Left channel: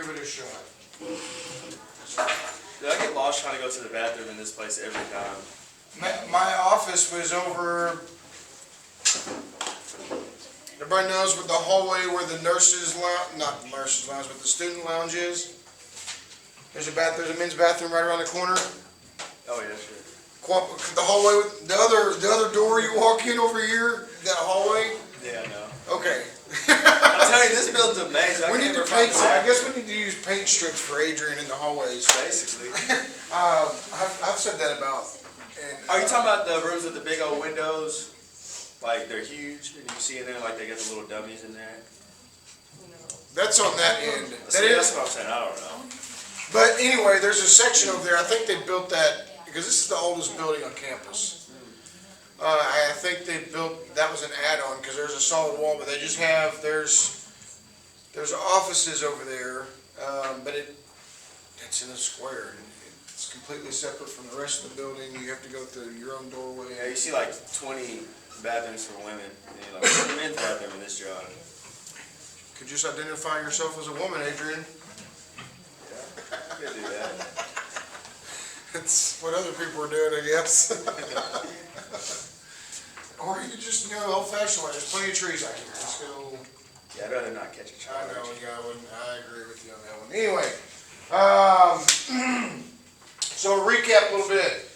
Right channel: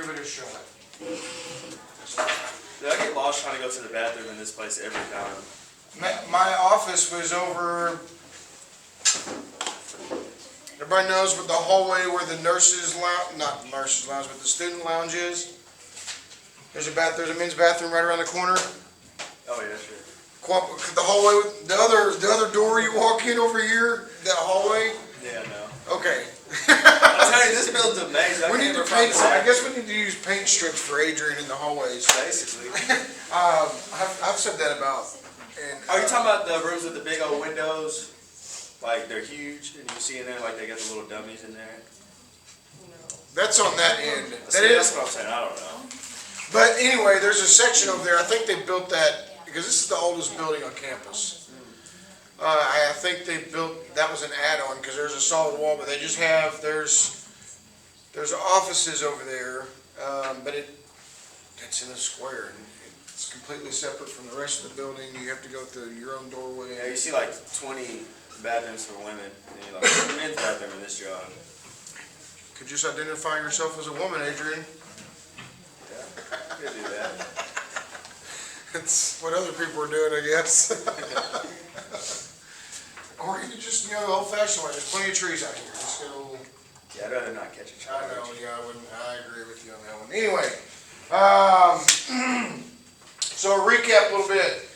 give it a shot. Dude, I get lost trying to go to the bathroom in this place every time. My office was over, everybody knows what the hallway where the nurses lounge, not the nurses lounge, but the student lounge is. There's a men's bathroom right around the corner. Oh yeah, sure. The hallway, the other door you walk in over here, that hallway. Yeah, no. Okay. I'm telling you, this building's amazing. I We can't need to ever find paint. the I guess we need to use paint strips for Adrian in the hallways. basically. I've said that about. And, Are you talking about the rooms with the big old windows? Like they're huge, and you see in there like they got the little dummies in there. That's on that end. See, that's what I'm saying. I don't know. But anyway, there's a section over there. I think they built that because this is the oldest building on campus. I think they built that was an add-on because there's a solid wall, but they just have there's offices over there, but it's in a square. It's completely separate from the rest of the building. You have to go through your own doorway. Yeah, you see like 20 bathrooms for women, and you're like, where's the men's bathroom in this job? Could you just identify yourself as a woman, Adrian? Yeah, you could do that. It's what other people are doing, I guess. Or you could just, old-fashioned way. There's plenty of trees out here. Just go. Yeah, I'd rather not catch a I charge. know, yeah, I agree with you on that one. Anyway, so a recap a little bit.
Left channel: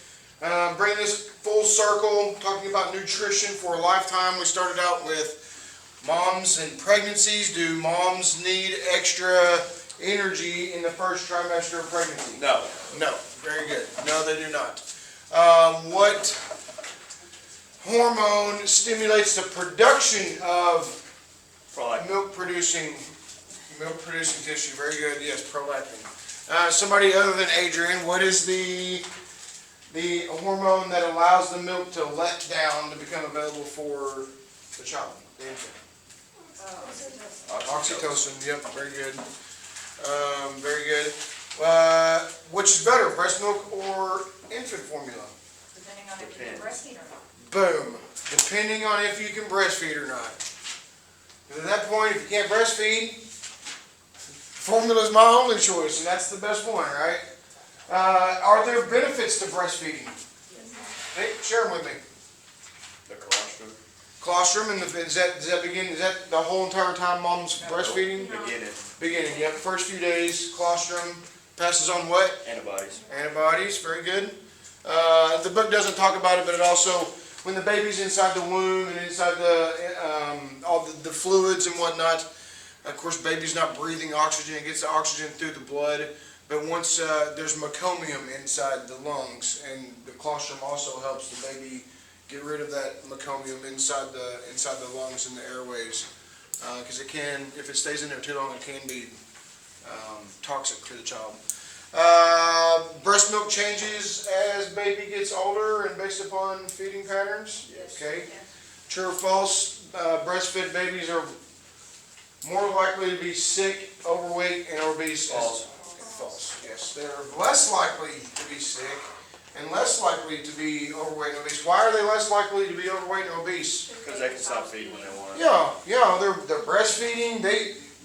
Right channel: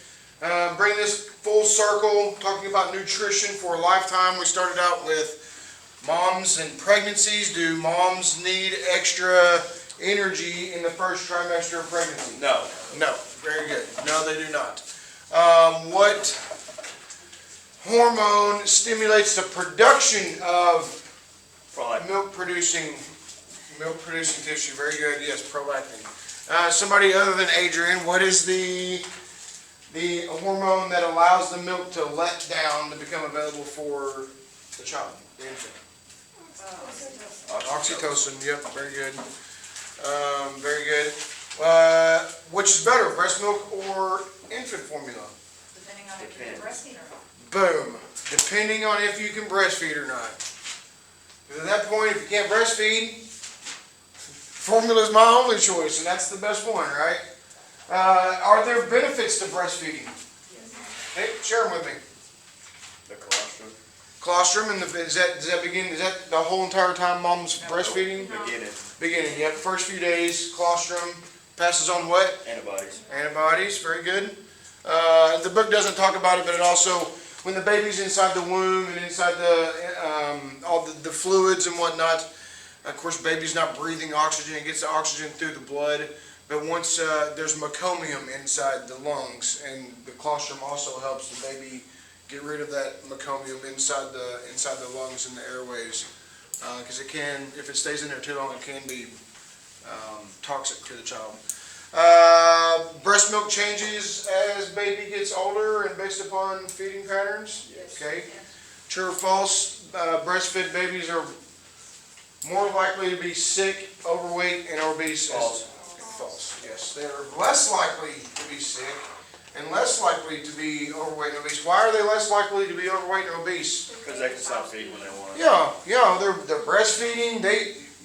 Bringing this full circle, talking about nutrition for a lifetime. We started out with moms and pregnancies. Do moms need extra energy in the first trimester of pregnancy? No. No. Very good. No, they do not. What hormone stimulates the production of Prolactin. milk-producing tissue? Very good. Yes, prolactin. Somebody other than Adrian, what is the hormone that allows the milk to let down to become available for the child, the infant? Oxytocin. Yep. Very good. Very good. Which is better, breast milk or infant formula? Depending on if you can breastfeed or not. Boom. Depending on if you can breastfeed or not. 'Cause at that point, if you can't breastfeed, formula is my only choice, and that's the best one, right? Are there benefits to breastfeeding? Hey, share them with me. The colostrum. Colostrum, and does that begin? Is that the whole entire time mom's breastfeeding? Beginning. Beginning. Yep. First few days, colostrum passes on what? Antibodies. Antibodies. Very good. The book doesn't talk about it, but it also, when the baby's inside the womb and inside all the fluids and whatnot, of course, baby's not breathing oxygen. It gets the oxygen through the blood. But once there's meconium inside the lungs, and the colostrum also helps the baby get rid of that meconium inside the lungs and the airways, because it can, if it stays in there too long, it can be toxic to the child. Breast milk changes as baby gets older and based upon feeding patterns. Yes. Okay. True or false? Breastfed babies are more likely to be sick, overweight, and obese. False. False. Yes, they're less likely to be sick and less likely to be overweight and obese. Why are they less likely to be overweight and obese? Because they can stop feeding when they want. Yeah, they're breastfeeding.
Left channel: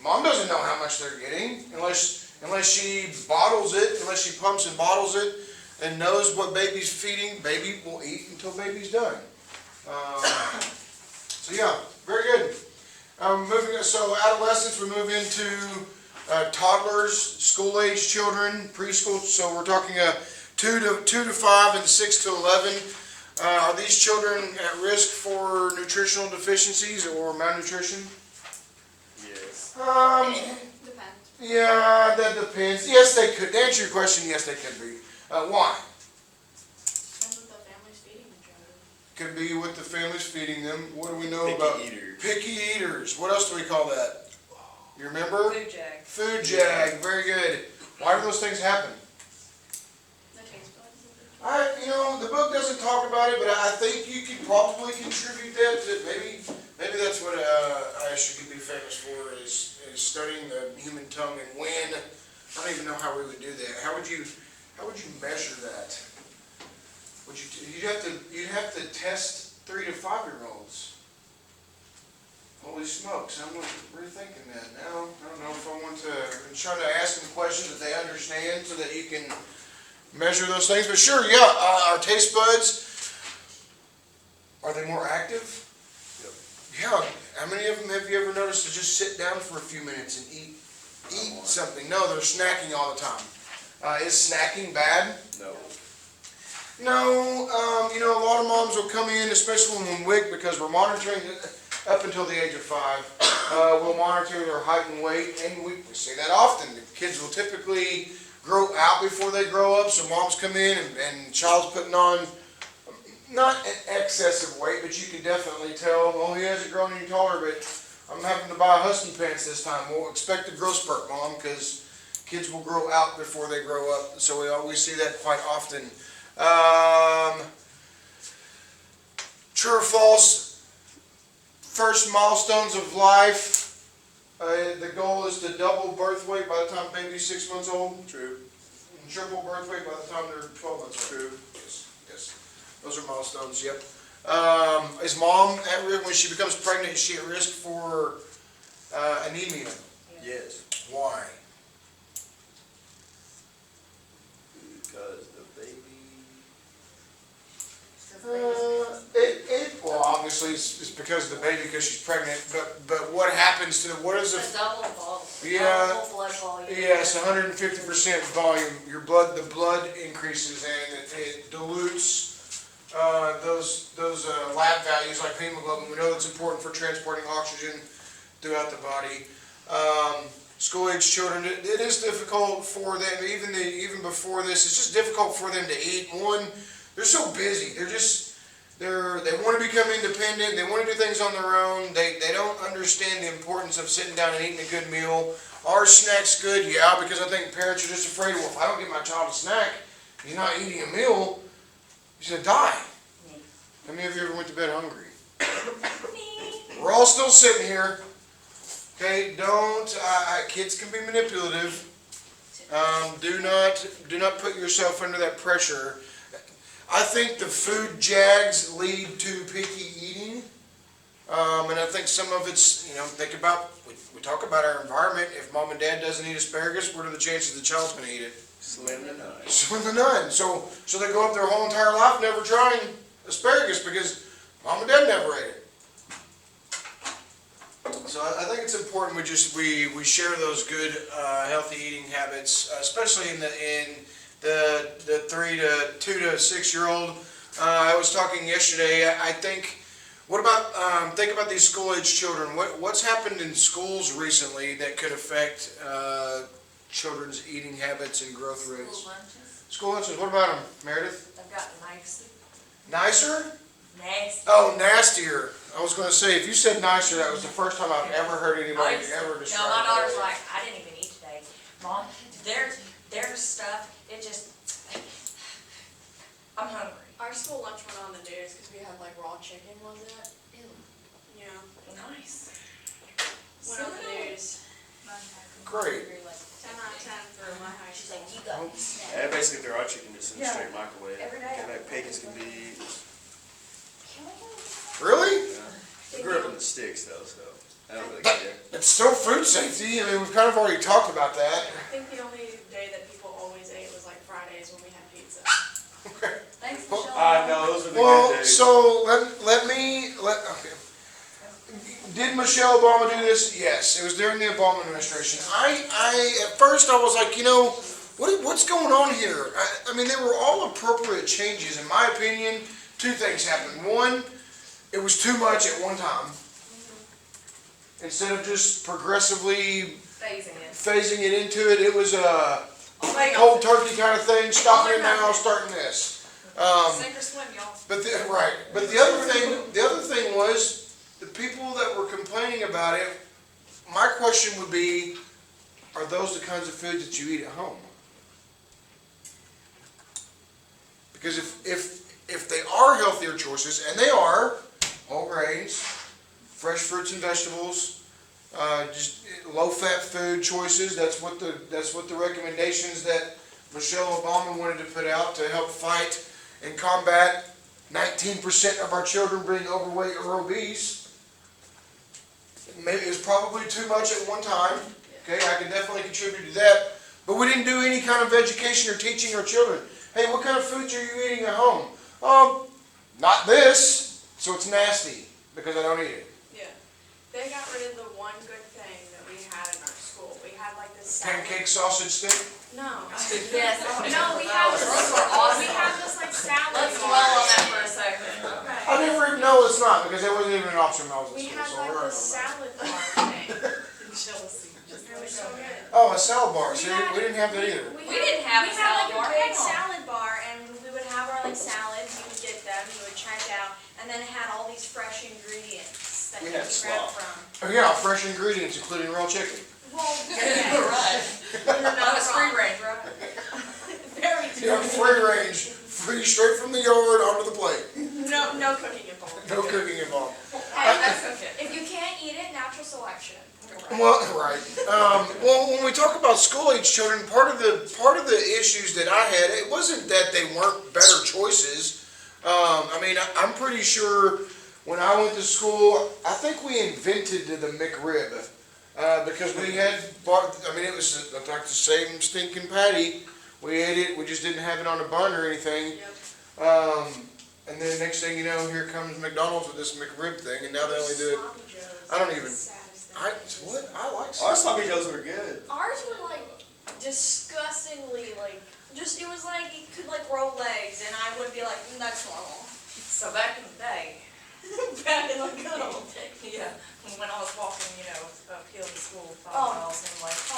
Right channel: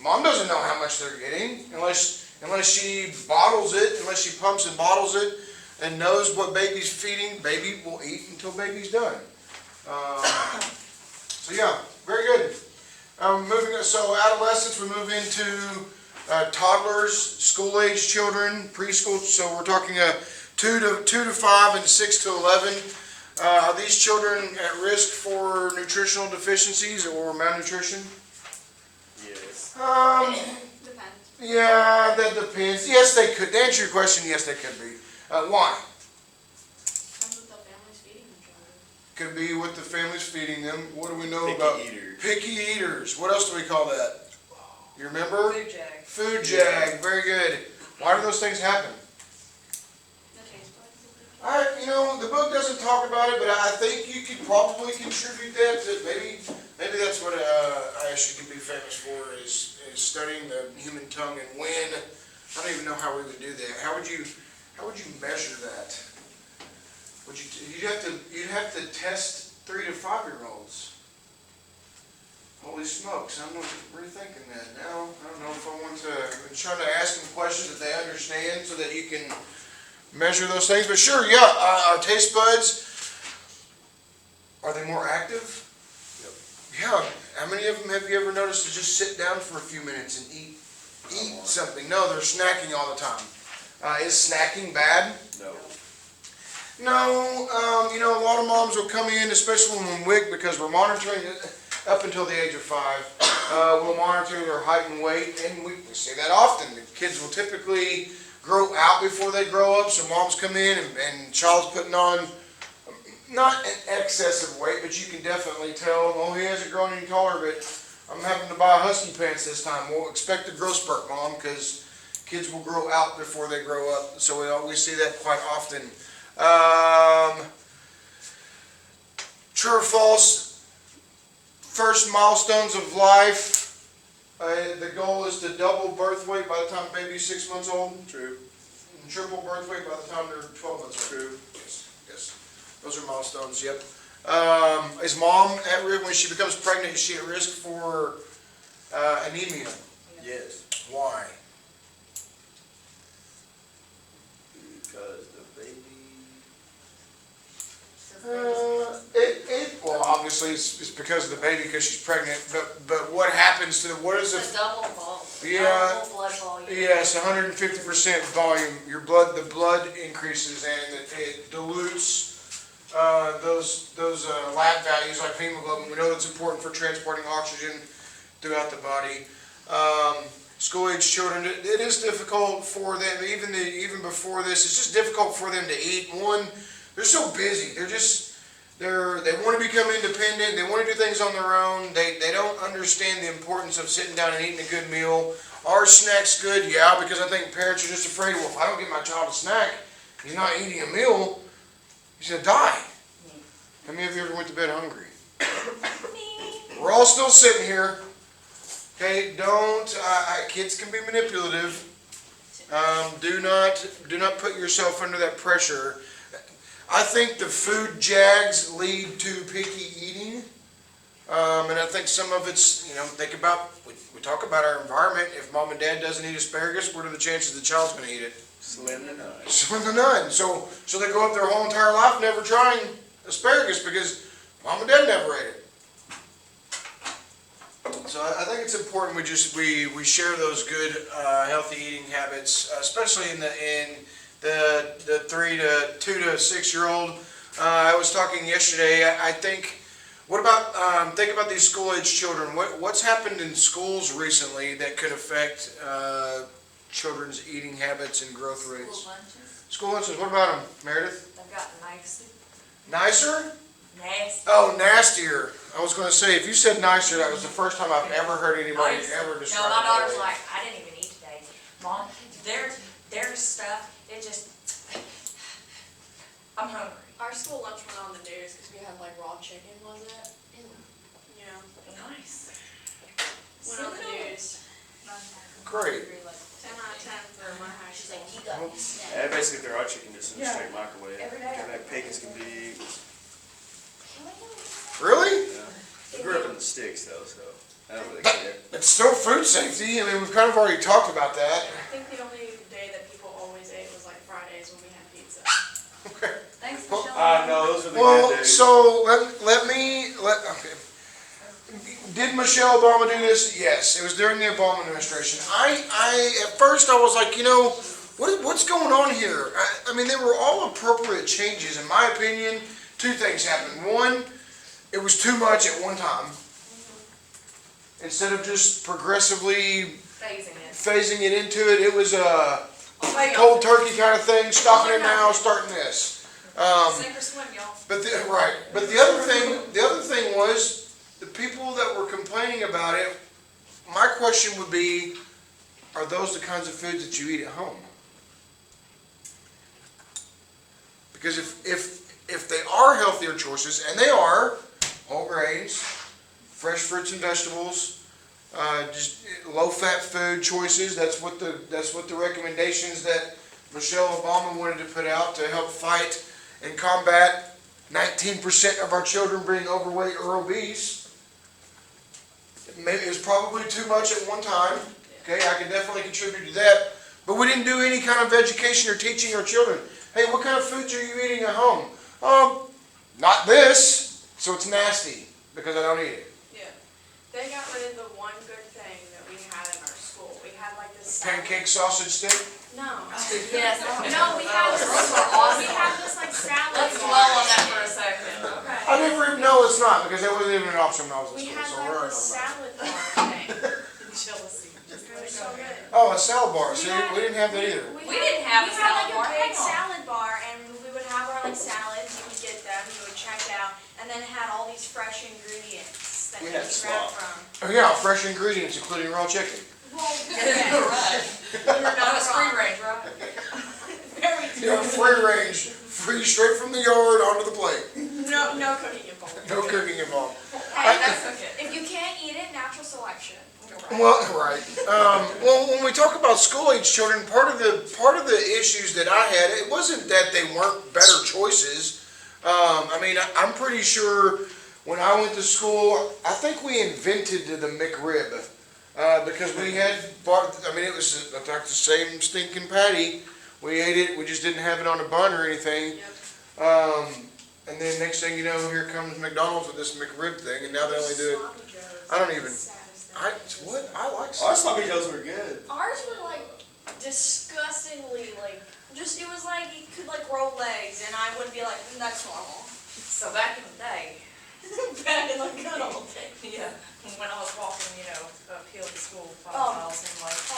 Mom doesn't know how much they're getting unless she bottles it, unless she pumps and bottles it and knows what baby's feeding. Baby will eat until baby's done. So yeah, very good. So adolescence, we move into toddlers, school-age children, preschool. So we're talking 2 to 5 and 6 to 11. Are these children at risk for nutritional deficiencies or malnutrition? Yes. Depends. Yeah, that depends. Yes, they could. To answer your question, yes, they could be. Why? Depends what the family's feeding each other. Could be what the family's feeding them. What do we know Picky about eaters. picky eaters? What else do we call that? You remember? Food jag. Food jag. Very good. Why do those things happen? The taste buds. The book doesn't talk about it, but I think you could probably contribute that to maybe that's what ISU could be famous for is studying the human tongue and when. I don't even know how we would do that. How would you measure that? You'd have to test 3 to 5 year olds. Holy smokes, I'm rethinking that now. I don't know if I want to, I'm trying to ask them questions that they understand so that you can measure those things. But sure, yeah, our taste buds, are they more active? Yeah. How many of them have you ever noticed to just sit down for a few minutes and eat something? No, they're snacking all the time. Is snacking bad? No. No, you know, a lot of moms will come in, especially when we're WIC, because we're monitoring it up until the age of 5. We'll monitor their height and weight, and we say that often. The kids will typically grow out before they grow up, so moms come in and child's putting on not an excessive weight, but you can definitely tell, oh, he hasn't grown any taller, but I'm having to buy husky pants this time. We'll expect a growth spurt, Mom, because kids will grow out before they grow up, so we always see that quite often. True or false, first milestones of life, the goal is to double birth weight by the time baby's 6 months old, True. and triple birth weight by the time they're 12 months old. True. Yes, those are milestones, yep. Is mom at risk, when she becomes pregnant, is she at risk for anemia? Yes. Why? Because the baby. Well, obviously it's because of the baby, because she's pregnant, but what happens to, what is It's it? a double volume. Yeah. Double blood volume. Yes, 150% volume, the blood increases and it dilutes those lab values like hemoglobin. We know that's important for transporting oxygen throughout the body. School-age children, it is difficult for them, even before this, it's just difficult for them to eat. One, they're so busy, they want to become independent, they want to do things on their own, they don't understand the importance of sitting down and eating a good meal. Are snacks good? Yeah, because I think parents are just afraid, well, if I don't get my child a snack, he's not eating a meal, he's going to die. How many of you ever went to bed hungry? We're all still sitting here. Okay, kids can be manipulative. Do not put yourself under that pressure. I think the food jags lead to picky eating. And I think some of it's, we talk about our environment. If mom and dad doesn't eat asparagus, what are the chances the child's going to eat it? Slim to none. Slim to none. So they go up their whole entire life never trying asparagus because mom and dad never ate it. So I think it's important we share those good healthy eating habits, especially in the 2 to 6 year old. I was talking yesterday. I think. What about think about these school age children? What's happened in schools recently that could affect children's eating habits and growth rates? School lunches, School lunches. What about them, Meredith? they've got nice, Nicer? nasty. Oh, nastier. I was going to say, if you said nicer, that was the first time I've ever heard anybody ever describe it. No, my daughter's that way. like, I didn't even eat today. Mom, their stuff, it just, I'm hungry. Our school lunch went on the news because we had like raw chicken, was it? Yeah, Nice. went on the news. Great. 10 out of 10 for my high She's school. like, you got this. Yeah, basically they're all chicken just in a Yeah. straight microwave. Every day. And like pecans can be, Really? I grew up in the sticks though, so I don't really But care. it's still food safety. I mean, we've kind of already talked about that. I think the only day that people always ate was like Fridays when we had pizza. Thanks, Well, Michelle. No, those were the Well, good days. so okay. Did Michelle Obama do this? Yes, it was during the Obama administration. At first I was like, what's going on here? I mean, they were all appropriate changes. In my opinion, two things happened. One, it was too much at one time. Instead of just progressively phasing it into it, it was a cold turkey kind of thing, stopping it now, starting this. Sink or swim, y'all. But the other thing was, the people that were complaining about it, my question would be, are those the kinds of foods that you eat at home? Because if they are healthier choices, and they are, whole grains, fresh fruits and vegetables, just low-fat food choices, that's what the recommendations that Michelle Obama wanted to put out to help fight and combat 19% of our children being overweight or obese. maybe it was probably too much at one time. Okay, I can definitely contribute to that. But we didn't do any kind of education or teaching our children. Hey, what kind of foods are you eating at home? Not this, so it's nasty because I don't eat it. Yeah. They got rid of the one good thing that we had in our school. We had like this salad. Pancake sausage stick. No. Yes. No, we had this like salad. Let's bar. dwell on that for a second. Okay. I didn't even know it's not because it wasn't even an option when I was We in had school. So like we're this not. salad bar thing. Jealousy. It was so good. Oh, a salad bar. We See, had- we didn't have that either. We didn't have a salad bar. We had like a big Hang on. salad bar, and we would have our like salads. You would get them. You would check out, and then it had all these fresh ingredients that We you had could grab slop. from. Oh yeah, fresh ingredients including raw chicken. Well, Yeah, yeah. right. That was free range, right? Very You know, good. free range, free straight from the yard onto the plate. No cooking involved. No cooking involved. Hey, That's okay. if you can't eat it, natural selection. Well, right. Well, when we talk about school-age children, part of the issues that I had, it wasn't that they weren't better choices. I mean, I'm pretty sure when I went to school, I think we invented the McRib because we had bought. I mean, it was like the same stinking patty. We ate it. We just didn't have it on a bun or anything. Yep. And then next thing you know, here comes McDonald's with this McRib thing, and now they only do it. Sloppy Joes. I don't even- Saddest I thing. what? I like. Our sloppy joes were good. Ours were like disgustingly like just it was like you could like roll legs and I would be like that's normal. So back in the day, Back in the good old days. yeah, when I was walking, uphill to school 5 Oh. miles and like, Oh,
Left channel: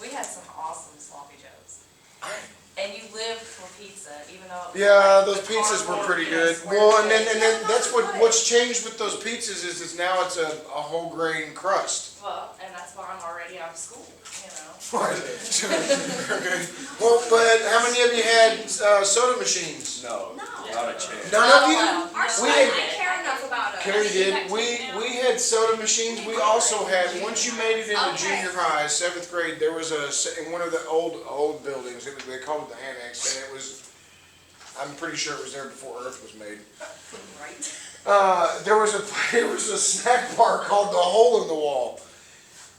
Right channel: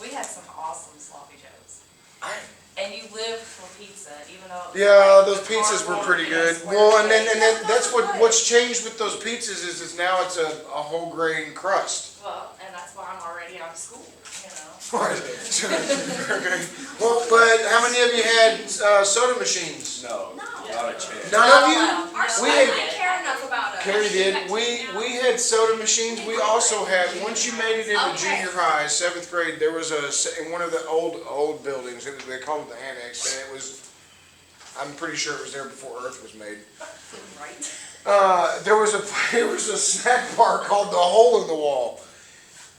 we had some awesome sloppy joes. I, And you lived for pizza, even though. It was Yeah, like those pizzas were cardboard, pretty you know, good. square Well, and shaped. then that's what's changed with those pizzas is now it's a whole grain crust. Well, and that's why I'm already out of school, you know. Right. Okay. Well, but how many of you had soda machines? No, No. not a chance. None Not of you? allowed. Our No. school We had- didn't care enough about us. Carrie did. That We came down. had soda machines. We also had, once you made it into Okay. junior high, 7th grade, there was in one of the old buildings, they called it the annex, and it was, I'm pretty sure it was there before Earth was made. Right. There was a snack bar called the Hole in the Wall.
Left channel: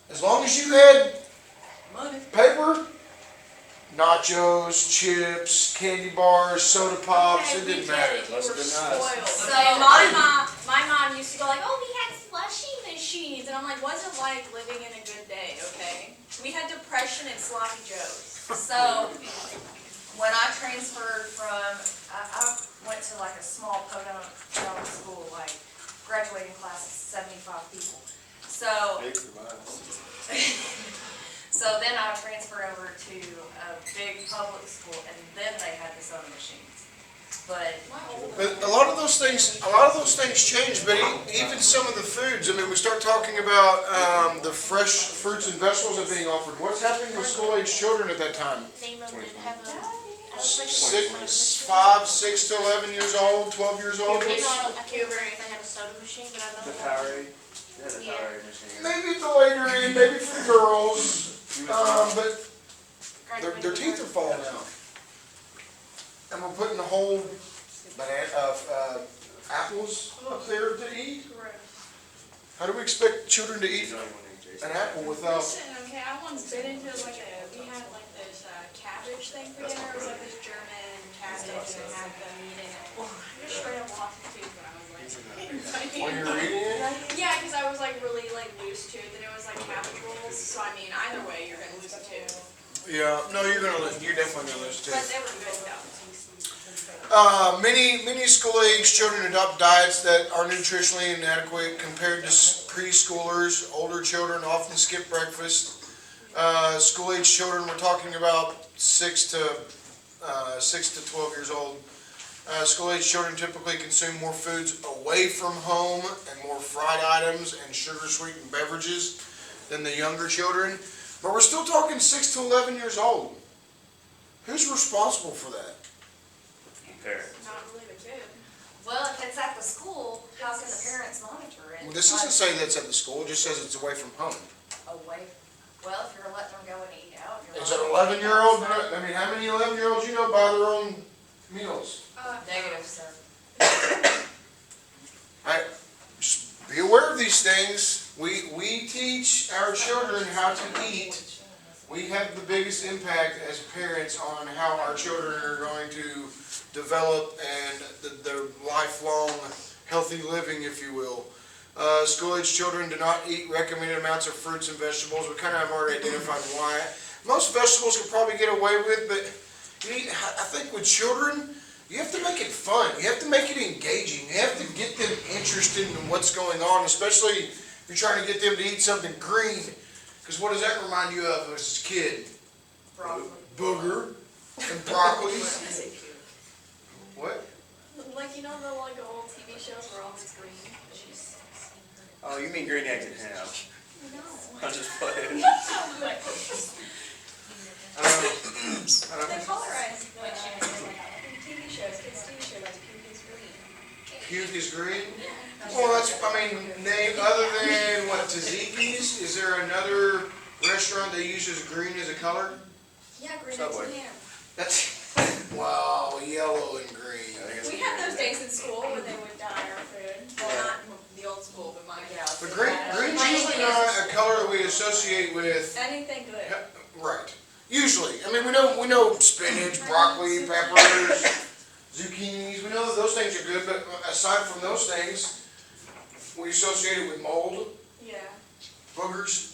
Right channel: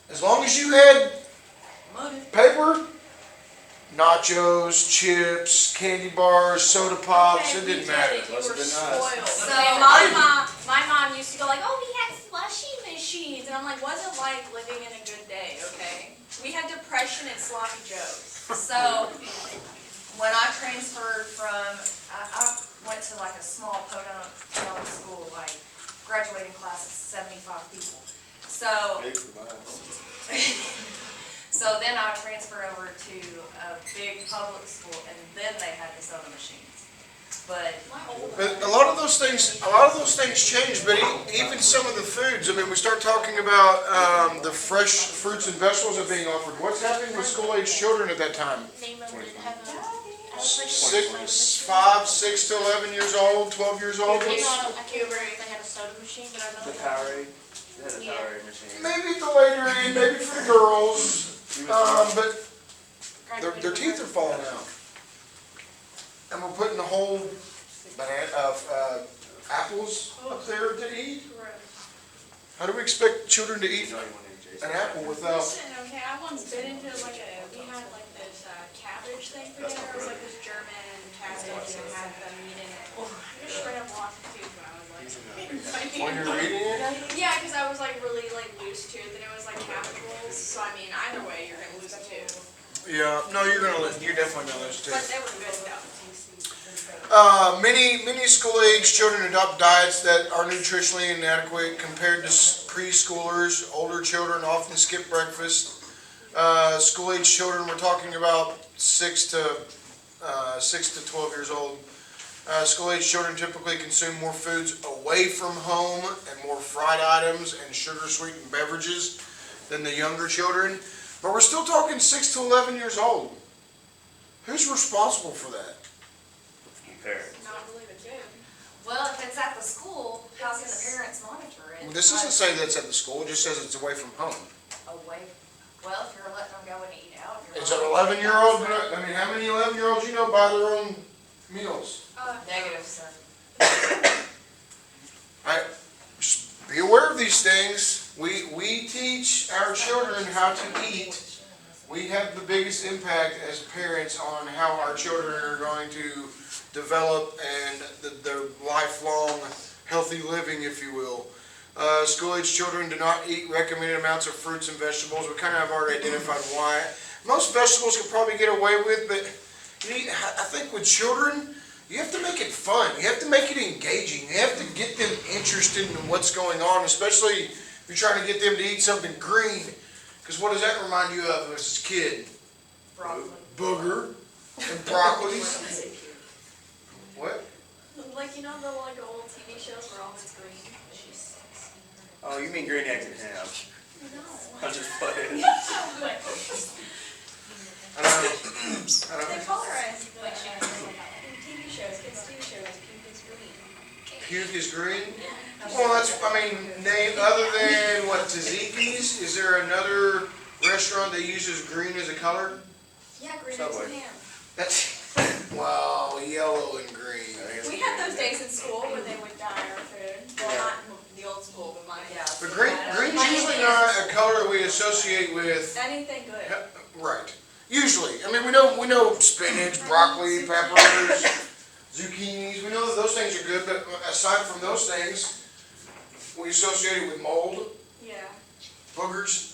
As long as you had Money. paper, nachos, chips, candy bars, soda pops, Okay, it we didn't did matter. it. You Must were have been nice. spoiled. So, Okay, my mom used to go like, oh, we had slushy machines. And I'm like, what's it like living in a good day, okay? We had depression and sloppy joes. So, when I transferred from, I went to like a small podunk school, like graduating class of 75 people. So, Big for mine. so then I transferred over to a big public school, and then they had the soda machines. But But a lot of those things changed, but even some of the foods, I mean, we start talking about the fresh fruits and vegetables that are being offered. What's happening with school-age children at that time? Name of it have a, I was like, 5, 6 to 11 years old, 12 years old? I can't remember if they had a soda machine, but I know The that. Powerade. They had a Yeah. Powerade machine. Maybe the later end, maybe for the girls, but their Graduated teeth are with falling out. And we're putting the whole apples up there to eat? How do we expect children to You eat know anyone named Jason? an apple without? Listen, okay, I once bit into like we had like this cabbage thing for That's dinner. my It was brother. like this German cabbage That's and my had the meat in it. I just straight up lost a tooth when I was He's like. in the When you're eating it? Yeah, because I was like really like loose tooth and it was like cabbage rolls. So I mean, either way, you're gonna lose a tooth. Yeah, no, you're definitely gonna lose too. But they were good though. Many school-age children adopt diets that are nutritionally inadequate compared to preschoolers. Older children often skip breakfast. School-age children, we're talking about 6 to 12 years old. School-age children typically consume more foods away from home and more fried items and sugar-sweetened beverages than the younger children. But we're still talking 6 to 11 years old. Who's responsible for that? Parents. Not really the kid. well, if it's at the school, how can the parents monitor it? Well, this doesn't say that's at the school, it just says it's away from home. Away. Well, if you're letting them go and eat out, you're. Is an not- 11-year-old, I mean, how many 11-year-olds you know buy their own meals? Negative, sir. be aware of these things. We teach our children how to eat. We have the biggest impact as parents on how our children are going to develop and their lifelong healthy living, if you will. School-age children do not eat recommended amounts of fruits and vegetables. We kind of have already identified why. Most vegetables can probably get away with, but I think with children, you have to make it fun. You have to make it engaging. You have to get them interested in what's going on, especially if you're trying to get them to eat something green. Because what does that remind you of as a kid? Broccoli. Booger and broccoli. What? Like, you know the like old TV shows where all it's green? Oh, you mean green eggs and ham? No. I'm just playing. I don't They know. colorize like TV shows, kids TV shows, like pink is green. Puke is green? Well, that's, I mean, name, other than what, Tzatziki's, is there another restaurant that uses green as a color? Yeah, green Subway. eggs and ham. That's, wow, yellow and green. We had those days in school where they would dye our food. Well, not in the old school, but mine. Yeah. But green's usually not a color that we associate with, Anything good. right, usually. I mean, we know spinach, broccoli, peppers, zucchinis, we know that those things are good, but aside from those things, we associate it with mold, Yeah. boogers.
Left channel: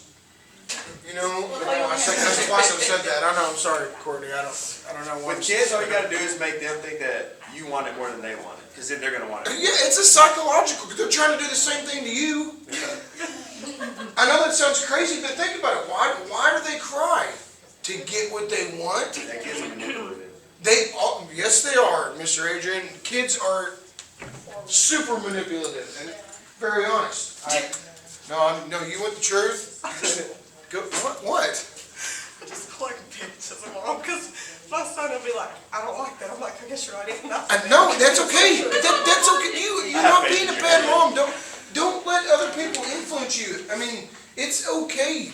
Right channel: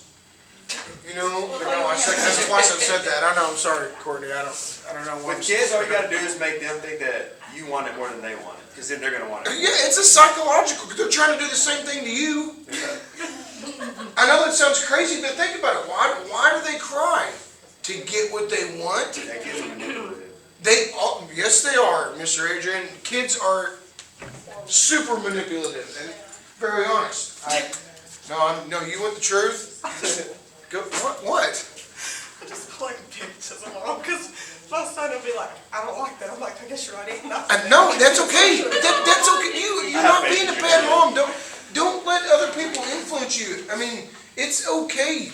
You know, but no, that's why I said that. I know, I'm sorry, Courtney, I don't know what. With kids, all you gotta do is make them think that you want it more than they want it, because then they're gonna want it. Yeah, it's a psychological, they're trying to do the same thing to you. I know that sounds crazy, but think about it. Why do they cry? To get what they want? That kids are manipulative. Yes, they are, Mr. Adrian. Kids are super manipulative and very honest. No, you want the truth? Go, what? I just collect pictures of them all, because my son will be like, I don't like that. I'm like, I guess you're right, ain't nothing. No, that's okay. That's okay. You're not being a bad mom. Don't let other people influence you. I mean, it's okay.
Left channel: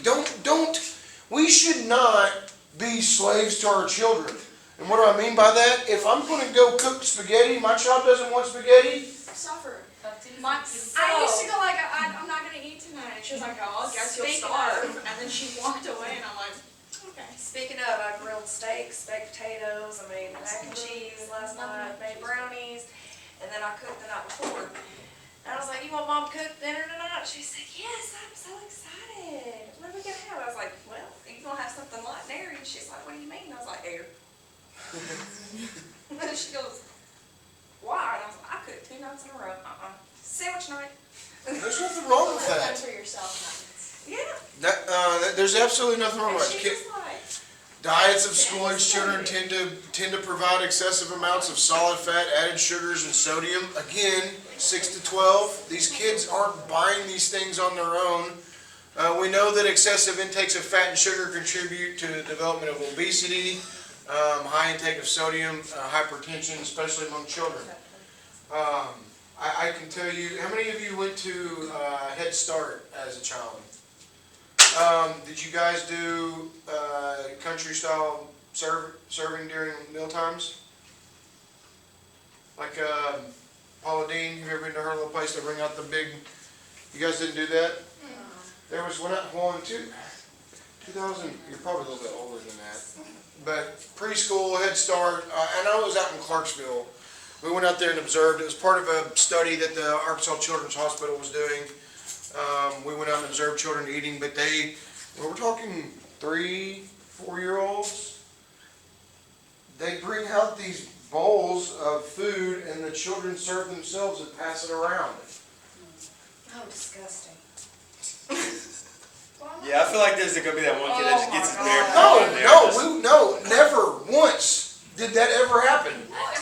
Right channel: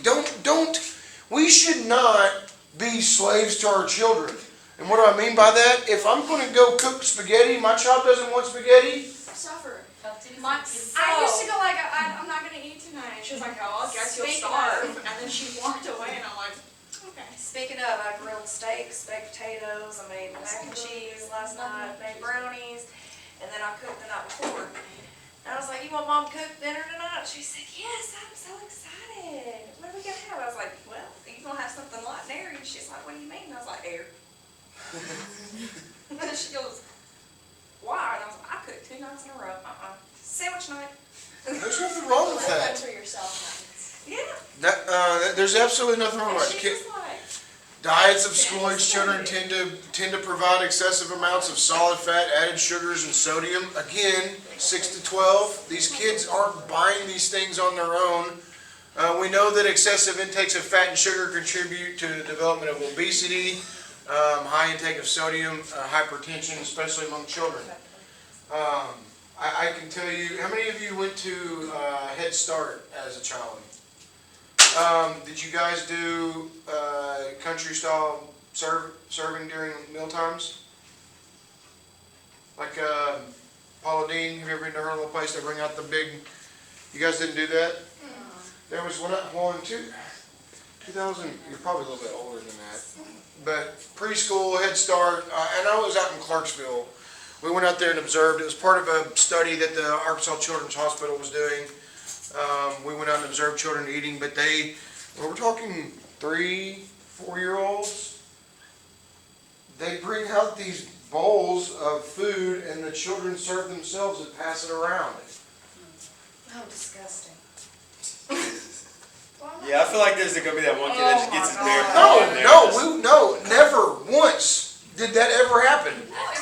We should not be slaves to our children. And what do I mean by that? If I'm going to go cook spaghetti, my child doesn't want spaghetti. Suffer. My, I used to go like, I'm not gonna eat tonight. She was like, oh, I guess you'll Speaking starve. of- And then she walked away and I'm like, okay. Speaking of, I grilled steaks, baked potatoes, I made mac and cheese last night, made brownies, and then I cooked the night before. And I was like, you want mom to cook dinner tonight? She said, yes, I'm so excited. What are we gonna have? I was like, well, you gonna have something like dairy? And she's like, what do you mean? I was like, air. And then she goes, why? And I was like, I cooked 2 nights in a row. Sandwich night. There's nothing wrong with That's that. for yourself nuggets. Yeah. There's absolutely nothing wrong And with she it. was like, Diets of school-age children tend to provide excessive amounts of solid fat, added sugars, and sodium. Again, 6 to 12. These kids aren't buying these things on their own. We know that excessive intakes of fat and sugar contribute to the development of obesity, high intake of sodium, hypertension, especially among children. I can tell you, how many of you went to Head Start as a child? Did you guys do country style serving during meal times? Like Paula Dean, have you ever been to her little place to bring out the big, you guys didn't do that? There was one in 2000, you're probably a little bit older than that. But preschool, Head Start, and I was out in Clarksville. We went out there and observed. It was part of a study that the Arkansas Children's Hospital was doing. We went out and observed children eating, but we're talking 3, 4-year-olds. They bring out these bowls of food and the children serve themselves and pass it around. oh, disgusting. Yeah, I feel like there's gonna be that one kid that just gets his bare No, paw in there. and just- never once did that ever happen.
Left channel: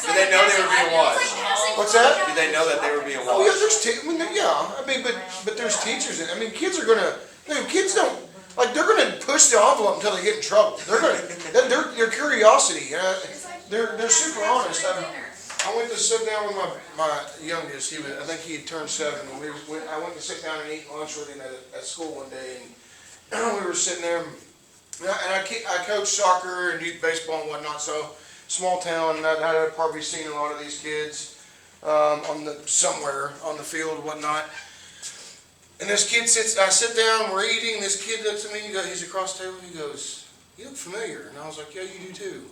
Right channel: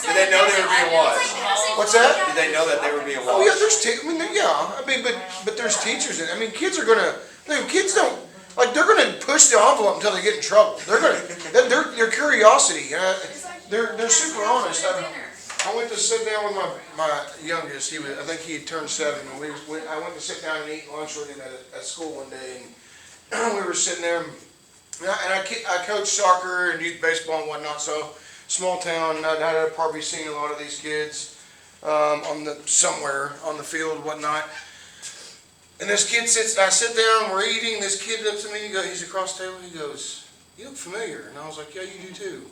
Did they know they were being watched? What's that? Did they know that they were being Oh yeah, watched? but there's teachers in. I mean, kids are gonna. Kids don't like. They're gonna push the envelope until they get in trouble. Their curiosity. They're super honest. I went to sit down with my youngest. I think he had turned 7. And I went to sit down and eat lunch with him at school one day, and we were sitting there. And I coach soccer and youth baseball and whatnot. So small town. I'd probably seen a lot of these kids somewhere on the field and whatnot. And this kid sits, I sit down, we're eating, this kid looks at me, he's across the table, he goes, "You look familiar." And I was like, "Yeah, you do too."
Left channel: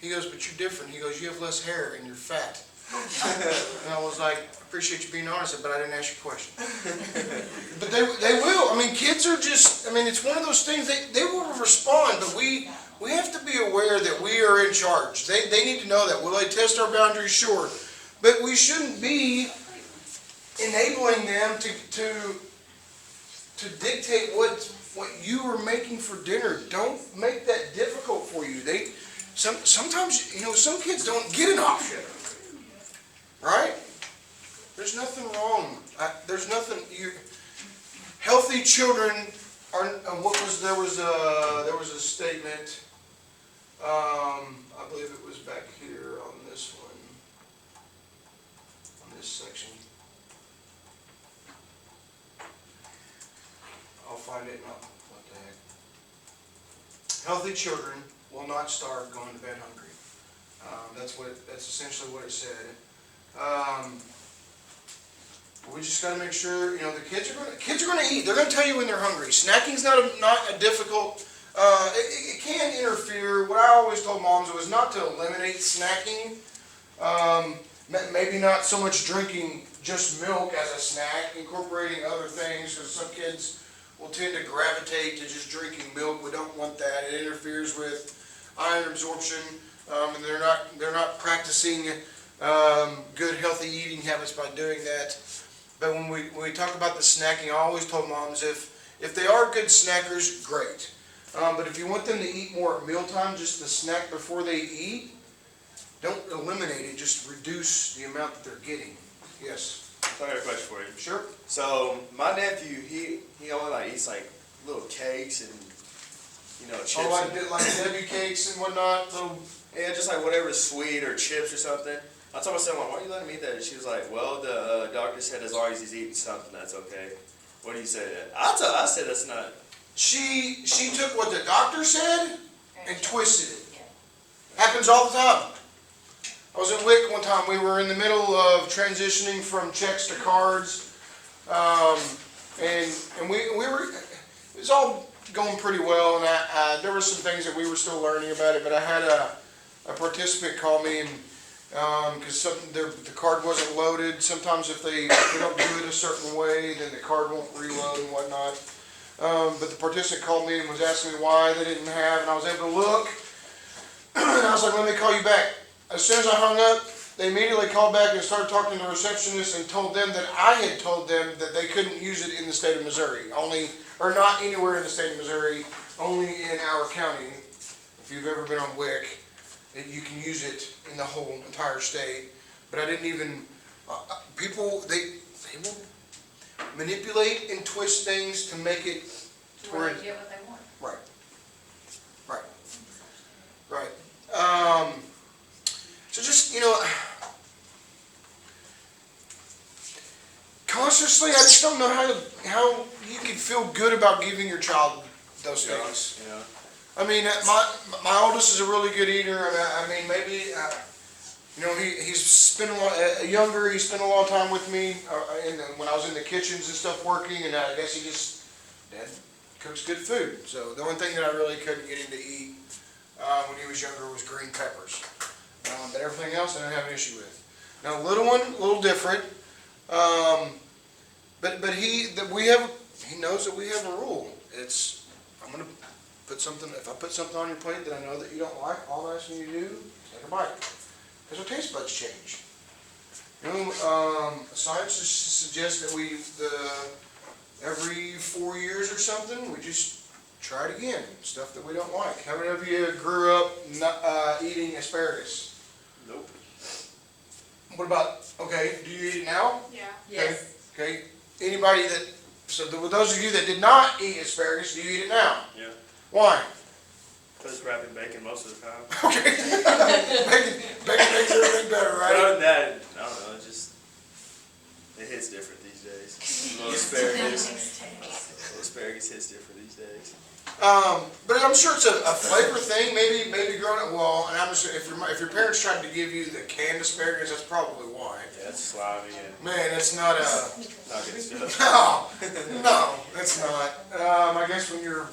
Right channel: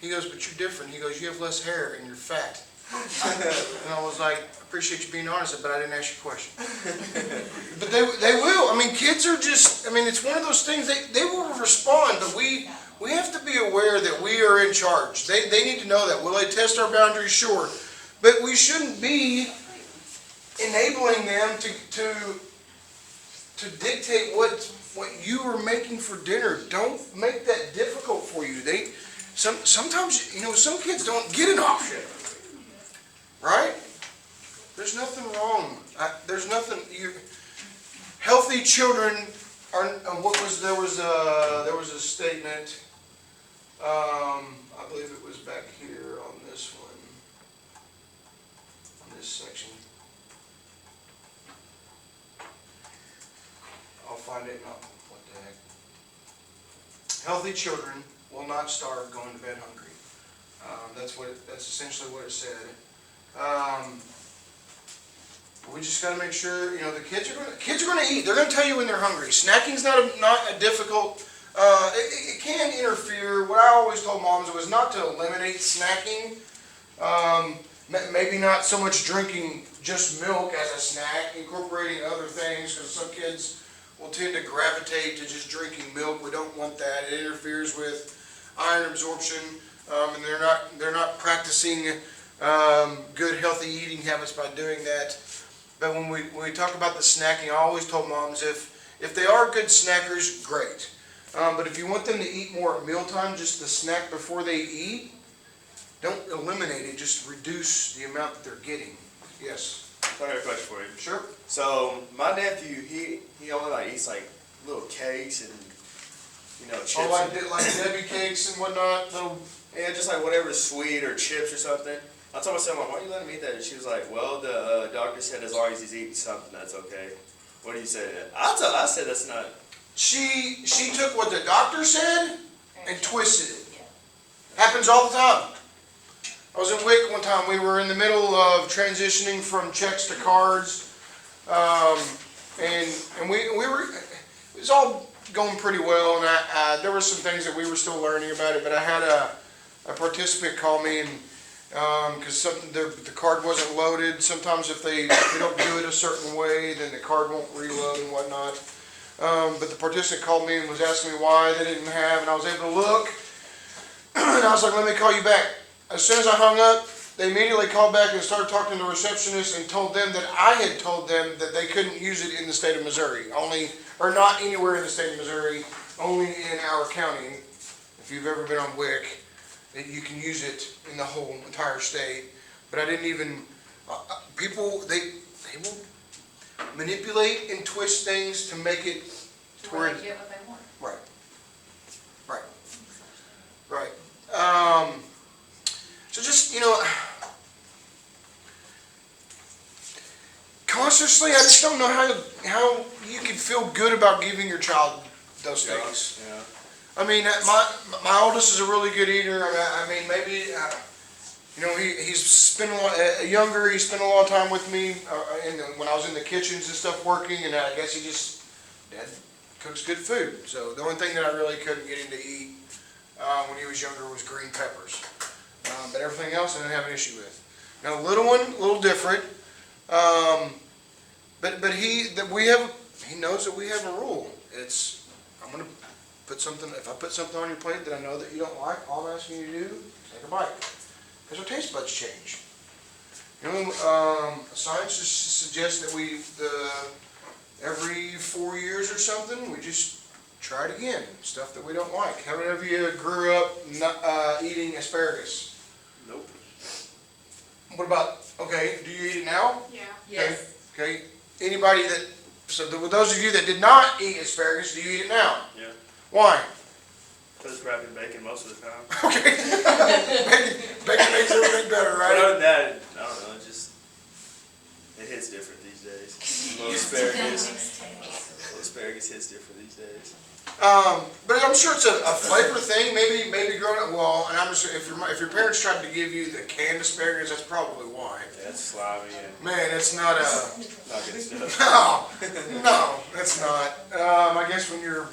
He goes, "But you're different." He goes, "You have less hair and you're fat." And I was like, "I appreciate you being honest, but I didn't ask you a question." But they will. I mean, kids are just, I mean, it's one of those things, they will respond, but we have to be aware that we are in charge. They need to know that. Will they test our boundaries? Sure. But we shouldn't be enabling them to dictate what you are making for dinner. Don't make that difficult for you. Sometimes, some kids don't get an option. Right? There's nothing wrong. There's nothing. Healthy children are. There was a statement. I believe it was back here on this one, on this section. I'll find it. What the heck? Healthy children will not starve going to bed hungry. That's essentially what it said. We just got to make sure, the kids are going to eat. They're going to tell you when they're hungry. Snacking's not a difficult. It can interfere. What I always told moms was not to eliminate snacking. Maybe not so much drinking just milk as a snack, incorporating other things, because some kids will tend to gravitate to just drinking milk. We don't want that. It interferes with iron absorption, and they're not practicing good healthy eating habits by doing that. But when we talk about the snacking, I always told moms if they are good snackers, great. But if you want them to eat more at mealtime, just the snack before they eat, don't eliminate it. Just reduce the amount that they're getting. Yes. I got a question for you. Sure. So my nephew, he only eats little cakes and chips. Oh, like Debbie cakes and whatnot. Yeah, just whatever sweet or chips or something. I told my son, "Why are you letting me eat that?" And she was like, "Well, the doctor said as long as he's eating something, that's okay." What do you say to that? I said that's not. She took what the doctor said and twisted it. Happens all the time. I was in WIC one time. We were in the middle of transitioning from checks to cards, and we were. It was all going pretty well, and there were some things that we were still learning about it. But I had a participant call me and. Because the card wasn't loaded. Sometimes if they don't do it a certain way, then the card won't reload and whatnot. But the participant called me and was asking me why they didn't have, and I was able to look. And I was like, "Let me call you back." As soon as I hung up, they immediately called back and started talking to the receptionist and told them that I had told them that they couldn't use it in the state of Missouri, or not anywhere in the state of Missouri, only in our county. If you've ever been on WIC, that you can use it in the whole entire state. But I didn't even, people, they will manipulate and twist things to make it To where they get what they want. Right. So just, consciously, I just don't know how you can feel good about giving your child those things. Yeah. I mean, my oldest is a really good eater. I mean, maybe, he's spent younger. He spent a lot of time with me when I was in the kitchens and stuff working, and I guess Dad cooks good food. So the only thing that I really couldn't get him to eat when he was younger was green peppers. But everything else I didn't have an issue with. Now, little one, a little different. But he knows that we have a rule. I'm gonna put something. If I put something on your plate that I know that you don't like, all I'm asking you to do, take a bite. Because our taste buds change. Science suggests that every 4 years or something, we just try it again. Stuff that we don't like. How many of you grew up not eating asparagus? Nope. What about? Okay, do you eat it now? Yeah. Yes. Okay. Anybody with those of you that did not eat asparagus, do you eat it now? Yeah. Why? Because it's wrapped in bacon most of the time. Okay. Bacon makes everything better, But other right? than that, I don't know. It hits different these days. A little asparagus hits different these days. But I'm sure it's a flavor thing. Maybe growing up. Well, and I'm sure if your parents tried to give you the canned asparagus, that's probably why. Yeah, it's slimy and Man, it's not a. not good stuff. No, that's not. I guess when you're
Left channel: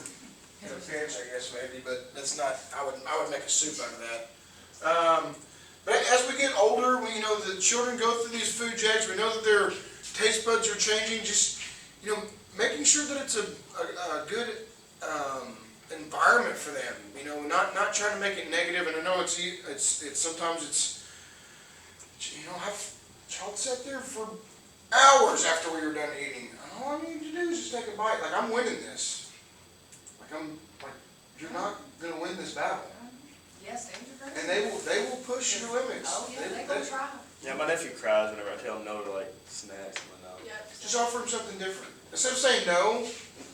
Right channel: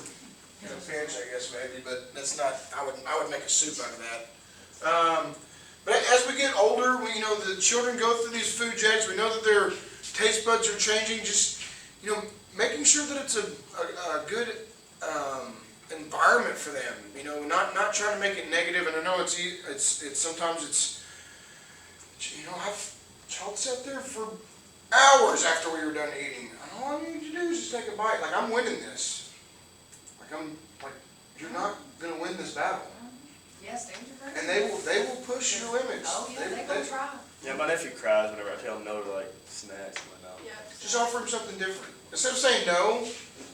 in a pinch, I guess maybe, but that's not. I would make a soup out of that. But as we get older, the children go through these food jags. We know that their taste buds are changing. Just making sure that it's a good environment for them. Not trying to make it negative. And I know it's sometimes it's I've child sat there for hours after we were done eating. All I need to do is just take a bite. Like, I'm winning this. You're not gonna win this battle. Yes, dangerous. And they will push your limits. Oh, yeah, they gonna try. Yeah, my nephew cries whenever I tell him no to like snacks and whatnot. Just offer him something different. Instead of saying no.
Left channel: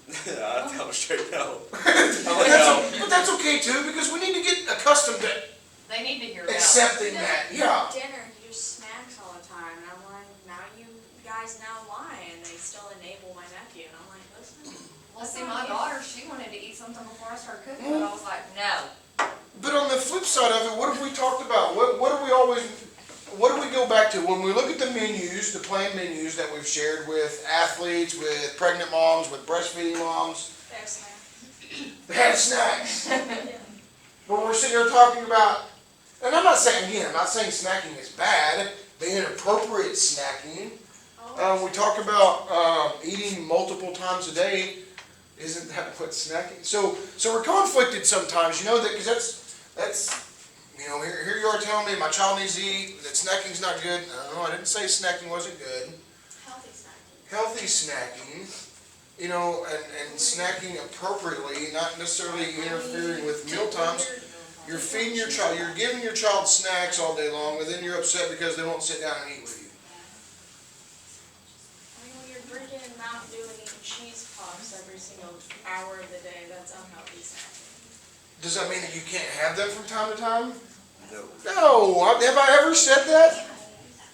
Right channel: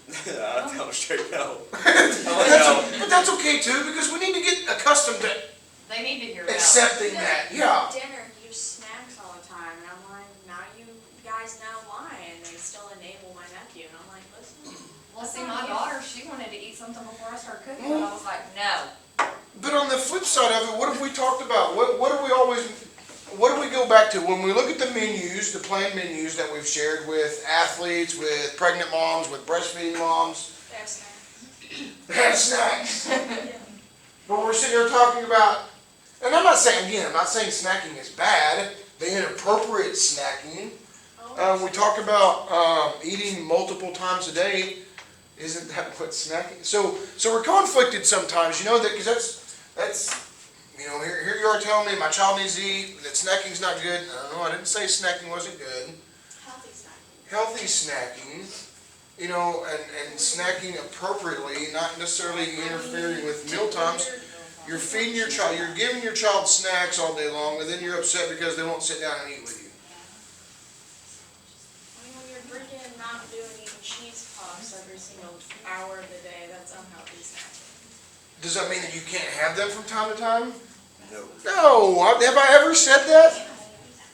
I tell him straight no. I'm like, no. But that's okay too, because we need to get accustomed to They need to hear no. accepting that. Yeah. Dinner, use snacks all the time, and I'm like, now you guys know why, and they still enable my nephew, and I'm like, listen. Well, see, my daughter, she wanted to eat something before I started cooking, but I was like, no. But on the flip side of it, what have we talked about? What do we go back to when we look at the menus, the plain menus that we've shared with athletes, with pregnant moms, with breastfeeding moms? There's snacks. They have snacks. But we're sitting here talking about, and I'm not saying snacking is bad, the inappropriate snacking. We talk about eating multiple times a day. Isn't that what snacking? So we're conflicted sometimes, because that's here you are telling me my child needs to eat, that snacking's not good. No, I didn't say snacking wasn't good. Healthy snacking. Healthy snacking, and snacking appropriately, not necessarily interfering with meal times. You're feeding your child, you're giving your child snacks all day long, and then you're upset because they won't sit down and eat with you. You're drinking Mountain Dew and eating cheese puffs every single hour of the day, that's unhealthy snacking. Does that mean that you can't have them from time to time? No. No. Have I ever said that?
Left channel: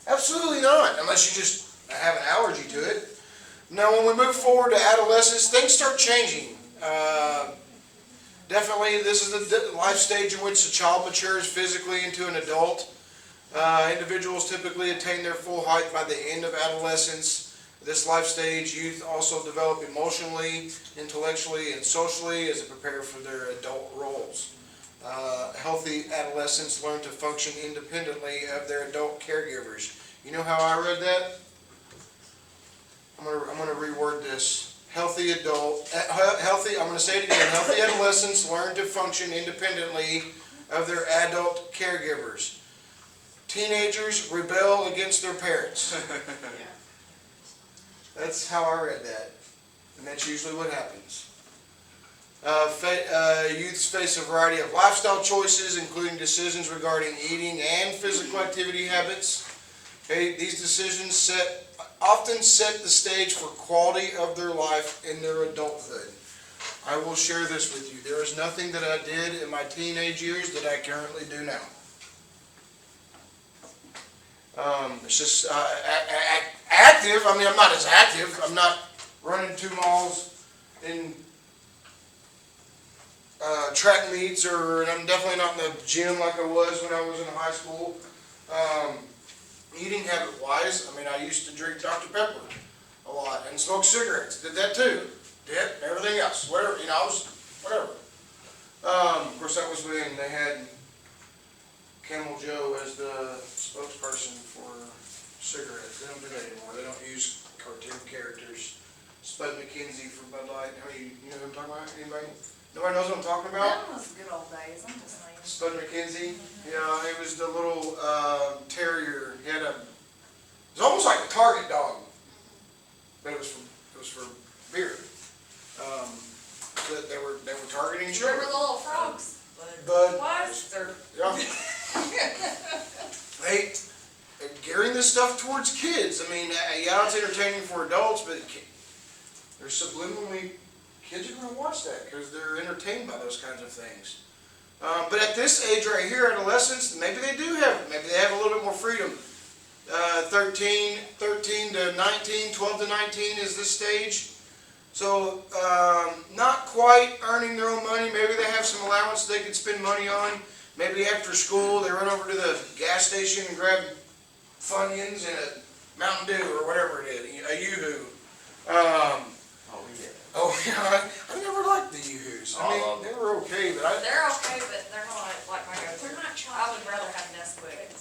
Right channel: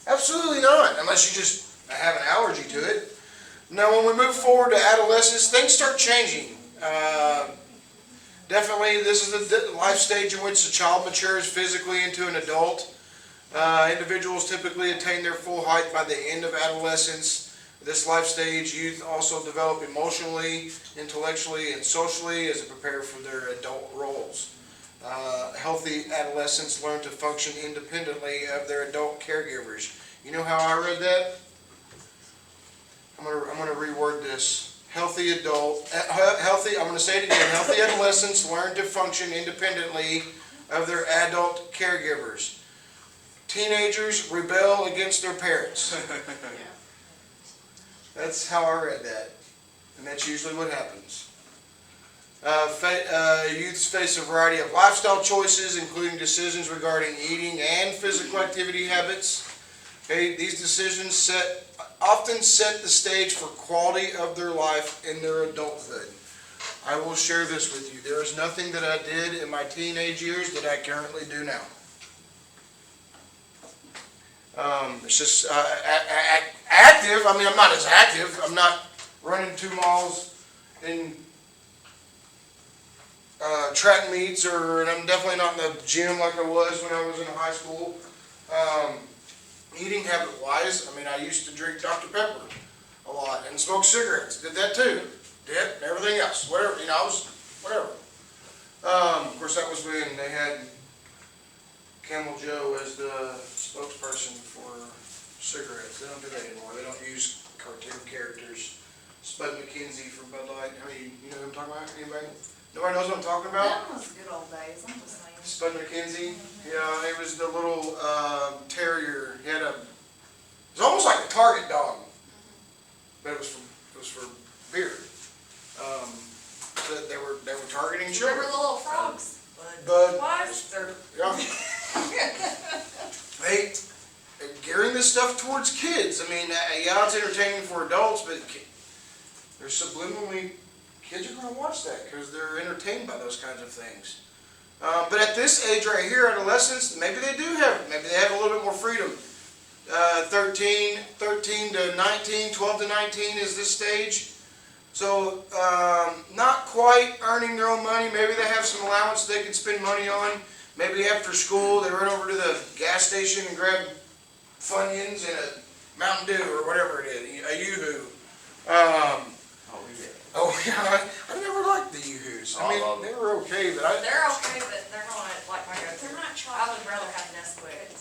Absolutely not, unless you just have an allergy to it. Now, when we move forward to adolescence, things start changing. Definitely, this is the life stage in which the child matures physically into an adult. Individuals typically attain their full height by the end of adolescence. This life stage, youth also develop emotionally, intellectually, and socially as they prepare for their adult roles. Healthy adolescents learn to function independently of their adult caregivers. You know how I read that? I'm gonna reword this. I'm gonna say it again. Healthy adolescents learn to function independently of their adult caregivers. Teenagers rebel against their parents. That's how I read that. And that's usually what happens. Youths face a variety of lifestyle choices, including decisions regarding eating and physical activity habits. Okay, these decisions often set the stage for quality of their life in their adulthood. I will share this with you. There is nothing that I did in my teenage years that I currently do now. It's just active. I mean, I'm not as active. I'm not running 2 miles in track meets, and I'm definitely not in the gym like I was when I was in high school. Eating habit-wise, I mean, I used to drink Dr. Pepper a lot and smoke cigarettes. Did that too. Did everything else. Whatever, I was, whatever. Of course, that was when they had Camel Joe as the spokesperson for cigarettes. They don't do that anymore. They don't use cartoon characters. Spud McKenzie from Bud Light. How many, you know what I'm talking about? Anybody? Nobody knows what I'm talking about? That was good old days, I'm just saying. Spud McKenzie. Yeah, he was the little terrier. He had it was almost like a Target dog, but it was for beer. They were targeting Remember children. the little frogs? But Twice? yeah, they gearing this stuff towards kids. I mean, yeah, it's entertaining for adults, but there's subliminally kids are going to watch that because they're entertained by those kinds of things. But at this age right here, adolescents, maybe they have a little bit more freedom. 13 to 19, 12 to 19 is this stage. So, not quite earning their own money. Maybe they have some allowance they can spend money on. Maybe after school, they run over to the gas station and grab Funyuns and a Mountain Dew or whatever it is, a Yoo-Hoo. Oh yeah. Oh, yeah, I never liked the Yoo-Hoos. I I love mean, they were okay, but They're okay, but they're not like my go-to. They're not I chocolate. would rather have Nesquik.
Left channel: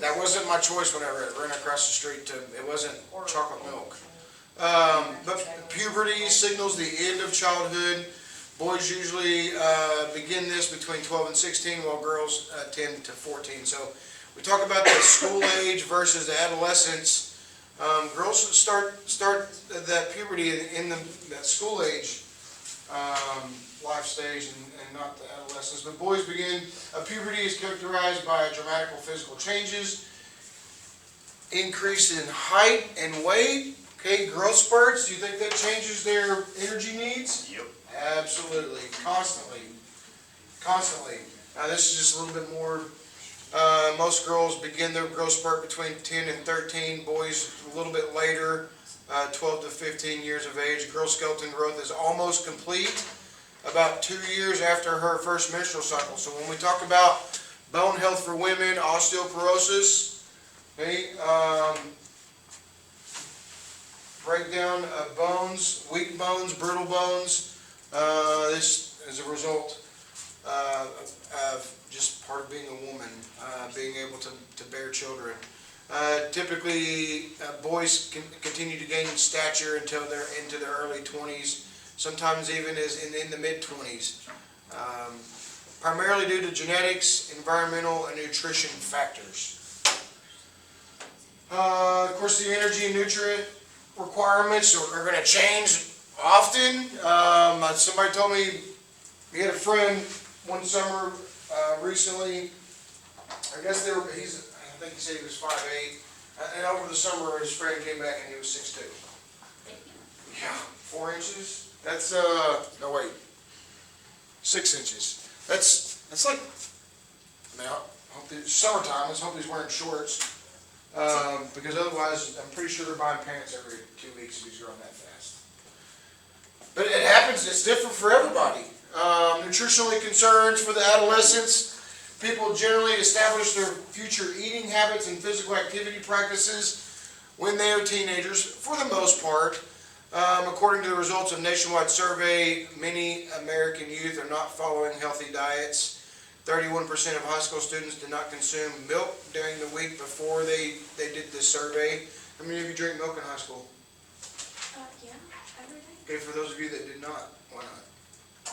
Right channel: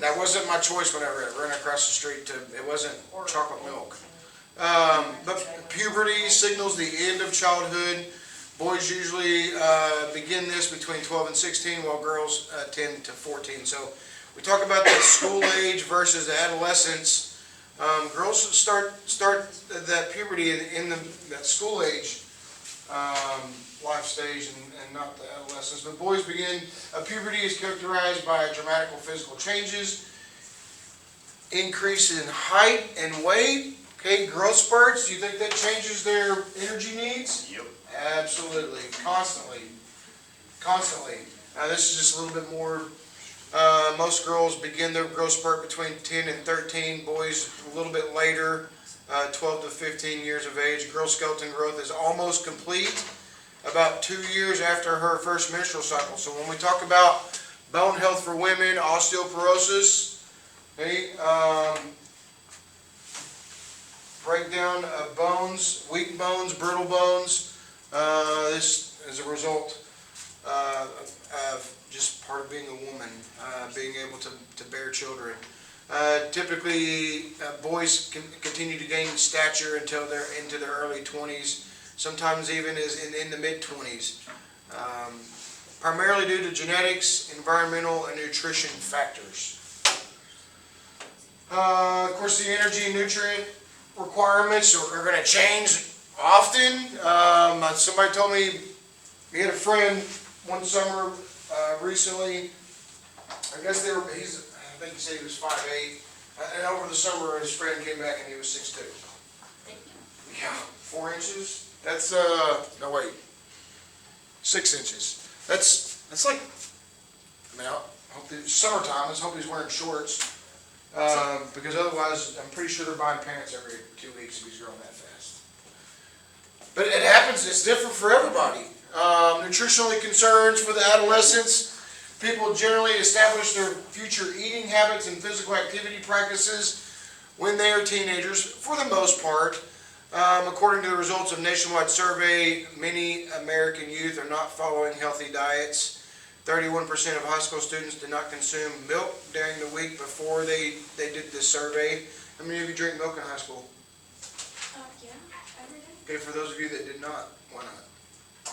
that wasn't my choice whenever I ran across the street it wasn't Or- chocolate milk. But puberty signals the end of childhood. Boys usually begin this between 12 and 16, while girls 10 to 14. So we talk about the school age versus the adolescence. Girls start that puberty in that school age life stage and not the adolescence. But boys begin, puberty is characterized by dramatic physical changes, increase in height and weight. Okay, growth spurts. Do you think that changes their energy needs? Yep. Absolutely, constantly. Now this is just a little bit more, most girls begin their growth spurt between 10 and 13, boys a little bit later, 12 to 15 years of age. Girl skeleton growth is almost complete about 2 years after her first menstrual cycle. So when we talk about bone health for women, osteoporosis, okay, breakdown of bones, weak bones, brittle bones. This is a result of just part of being a woman, being able to bear children. Typically, boys can continue to gain stature until they're into their early 20s, sometimes even as in the mid-20s, primarily due to genetics, environmental, and nutrition factors. Of course, the energy and nutrient requirements are going to change often. Somebody told me he had a friend one summer recently. I guess I think he said he was 5'8", and over the summer his friend came back and he was 6'2". Yeah, 4 inches. That's no wait, 6 inches. That's like. I mean, I hope it's summertime. Let's hope he's wearing shorts. Because otherwise, I'm pretty sure they're buying pants every 2 weeks if he's growing that fast. But it happens, it's different for everybody. Nutritional concerns for the adolescents. People generally establish their future eating habits and physical activity practices when they are teenagers, for the most part. According to the results of a nationwide survey, many American youth are not following healthy diets. 31% of high school students did not consume milk during the week before they did this survey. How many of you drink milk in high school? Yeah, every day. Okay, for those of you that did not, why not?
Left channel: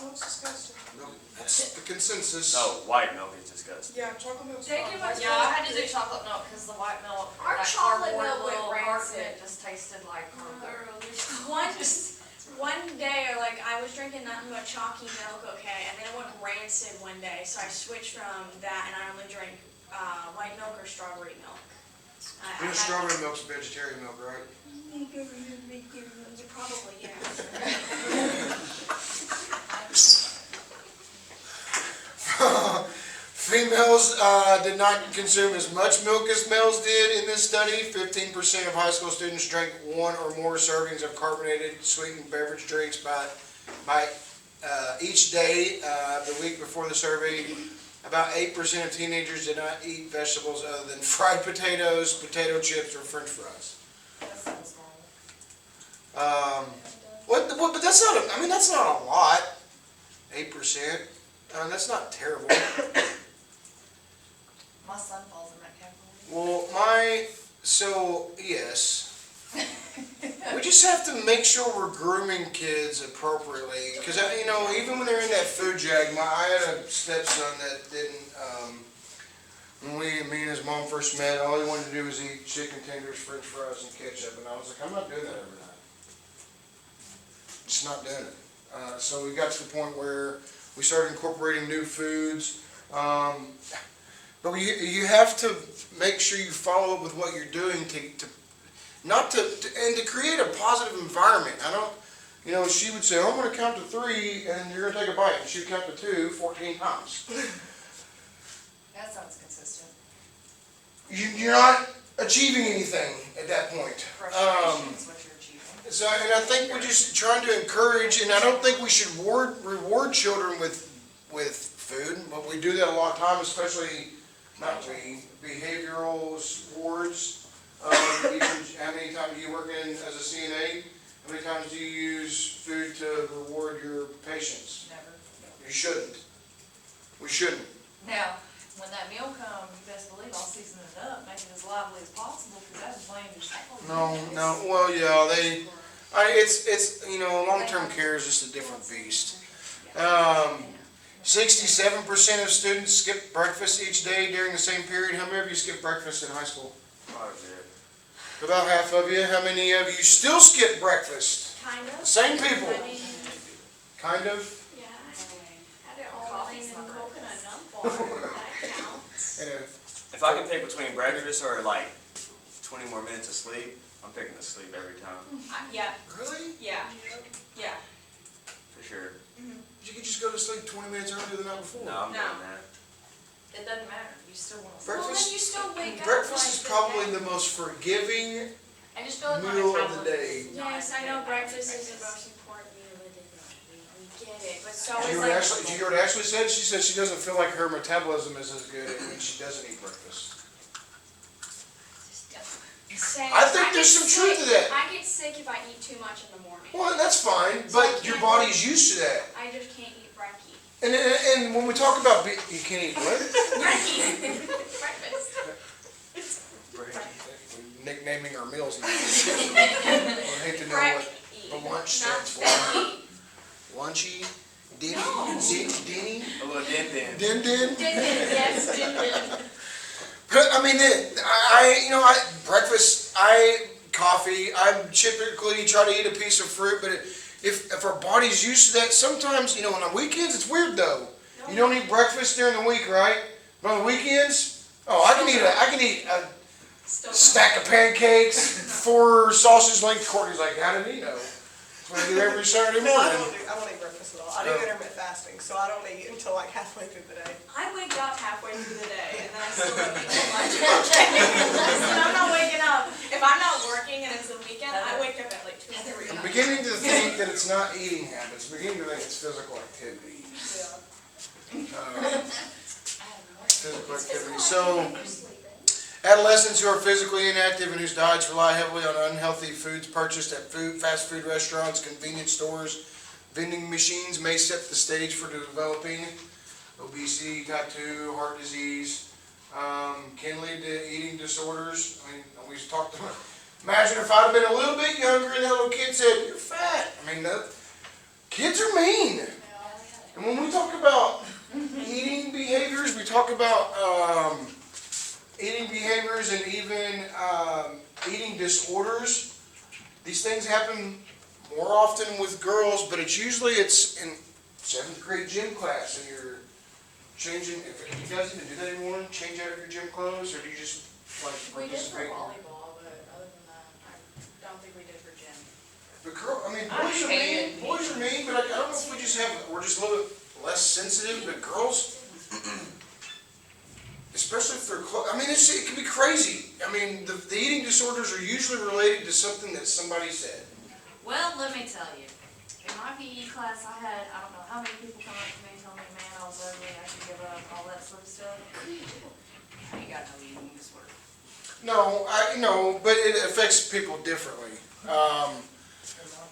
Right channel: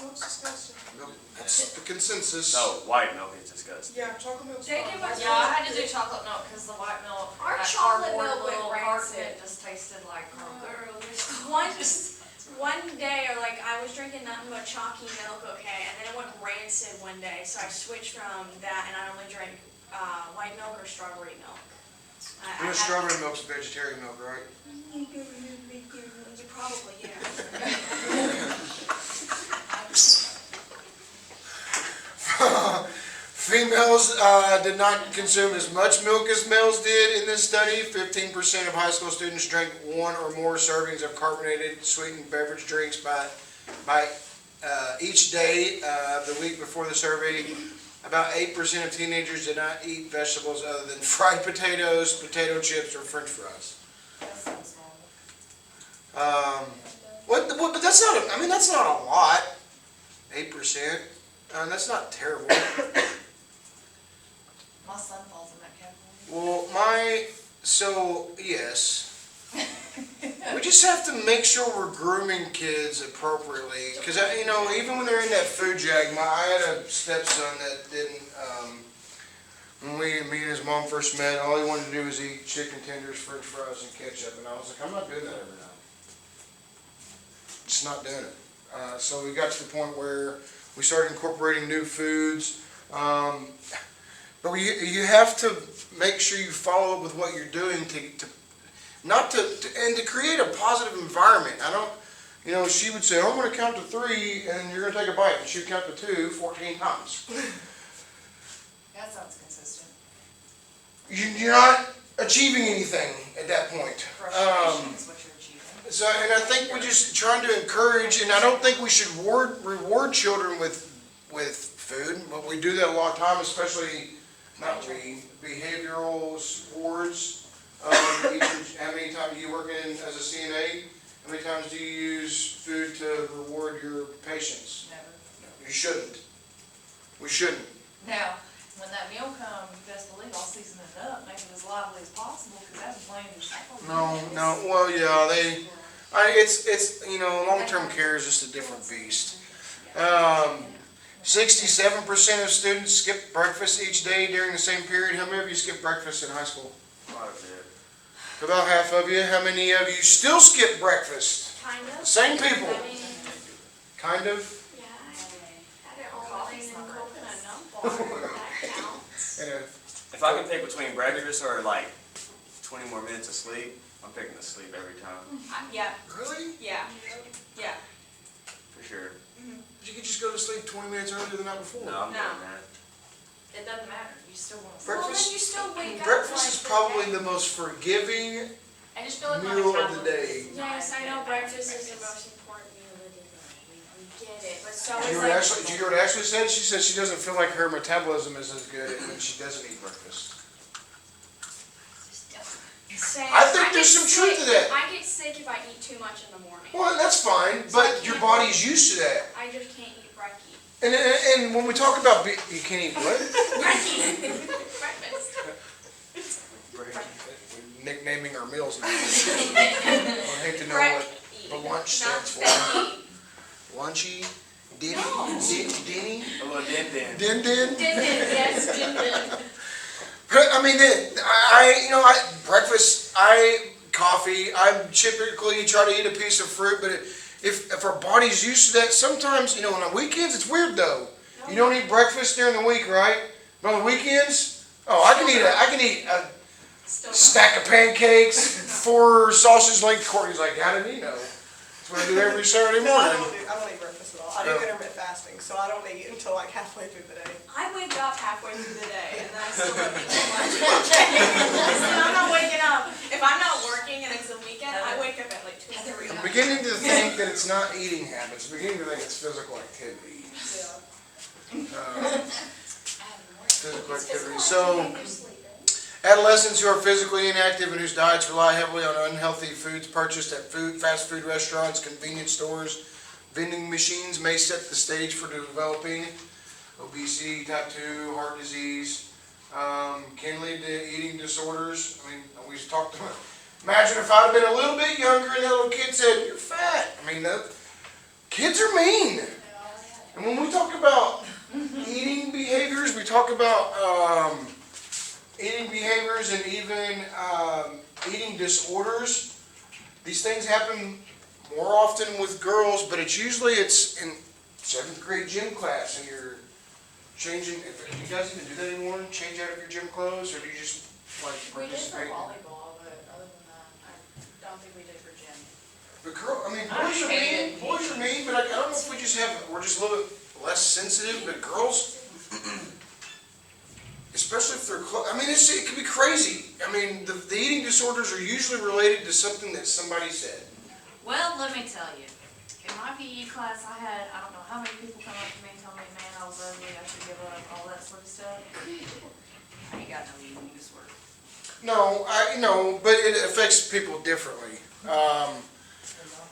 Milk's disgusting. Milk, that's the consensus. No, white milk is disgusting. Yeah, chocolate milk's They fine. do what- Yeah, I had to do chocolate milk because the white milk, Our that chocolate cardboard milk went little rancid. carton just tasted like cardboard. One day, like, I was drinking nothing but chalky milk, okay, and then it went rancid one day, so I switched from that and I only drank white milk or strawberry milk. You know, strawberry milk's vegetarian milk, right? Probably, yeah. Females did not consume as much milk as males did in this study. 15% of high school students drank one or more servings of carbonated sweetened beverage drinks by each day the week before the survey. About 8% of teenagers did not eat vegetables other than fried potatoes, potato chips, or French fries. That sounds normal. But that's not. I mean, that's not a lot. 8%. That's not terrible. My son falls in that category. Well, yes. We just have to make sure we're grooming kids appropriately. Because, even when they're in that food jag, I had a stepson that didn't, when me and his mom first met, all he wanted to do was eat chicken tenders, French fries, and ketchup. And I was like, I'm not doing that every night. Just not doing it. So we got to the point where we started incorporating new foods. But you have to make sure you follow up with what you're doing to create a positive environment. I don't, she would say, I'm going to count to 3 and you're going to take a bite. And she'd count to 2 14 times. That sounds consistent. You're not achieving anything at that point. Frustration is what you're achieving. So, and I think we're just trying to encourage, and I don't think we should reward children with food, but we do that a lot of time, especially not we, behavioral wards. How many times do you work in as a CNA? How many times do you use food to reward your patients? Never. You shouldn't. We shouldn't. Now, when that meal comes, you best believe I'll season it up, make it as lively as possible, because that's bland as hell. No, well, yeah, it's, long-term care is just a different beast. 67% of students skip breakfast each day during the same period. How many of you skip breakfast in high school? Quite a bit. About half of you. How many of you still skip breakfast? Kind of. Same people. I mean, Kind of. yeah, I had it all in coconut nut bar, that counts. And, If I can pick between breakfast or like 20 more minutes of sleep, I'm picking the sleep every time, Yeah, really? yeah, yeah. for sure. You could just go to sleep 20 minutes earlier than that before. No, I'm No. doing that. It doesn't matter, you still wanna. Well, Breakfast- then you still wake up. Breakfast like is the probably day. the most forgiving I just feel like my meal of the metabolism day. is not Yes, I good know at breakfast is the breakfast. most important meal of the day. We get it, but so Do is you like. hear what Ashley said? She said she doesn't feel like her metabolism is as good when she doesn't eat breakfast. Same. I think there's get some truth to sick. that. I get sick if I eat too much in the morning. Well, that's fine, but your body's used to that. I just can't eat brekkie. And when we talk about, you can't eat what? Breakfast. We're nicknaming our meals now. I hate to know what the lunch stands for. Lunchy, Denny, A little dent in. Din. Yes, din-din. I mean, breakfast, coffee, I typically try to eat a piece of fruit, but if our body's used to that, sometimes, on the weekends, it's weird though. You don't eat breakfast during the week, right? But on the weekends, I can eat a Still stack of pancakes, 4 sausage length. Courtney's like, how did he know? That's what I do every Saturday No, I morning. don't eat breakfast at all. I do intermittent fasting, so I don't eat until like halfway through the day. I wake up halfway through the day and then I still don't eat till lunch. So I'm not waking up. If I'm not working and it's a weekend, I wake up at like 2 or 3. I'm beginning to think that it's not eating habits. I'm beginning to think it's physical activity. Yeah. Physical activity. So, adolescents who are physically inactive and whose diets rely heavily on unhealthy foods purchased at fast food restaurants, convenience stores, vending machines may set the stage for developing obesity, type 2, heart disease, can lead to eating disorders. I mean, we talked about, imagine if I'd have been a little bit younger and that little kid said, you're fat. I mean, kids are mean. And when we talk about eating behaviors, we talk about eating behaviors and even eating disorders. These things happen more often with girls, but it's usually in 7th grade gym class and you're changing. Do you guys even do that anymore? Change out of your gym clothes, or do you just like We did for participate? volleyball, but other than that, I don't think we did for gym. But boys are hated mean. Boys are mean, but I don't know if we're just a little less sensitive. But girls, especially if they're close, it can be crazy. I mean, the eating disorders are usually related to something that somebody said. Well, let me tell you, in my PE class, I don't know how many people come up to me and tell me, man, I was ugly, I should give up, all that sort of stuff. I ain't got no eating disorder. No, I know, but it affects people differently.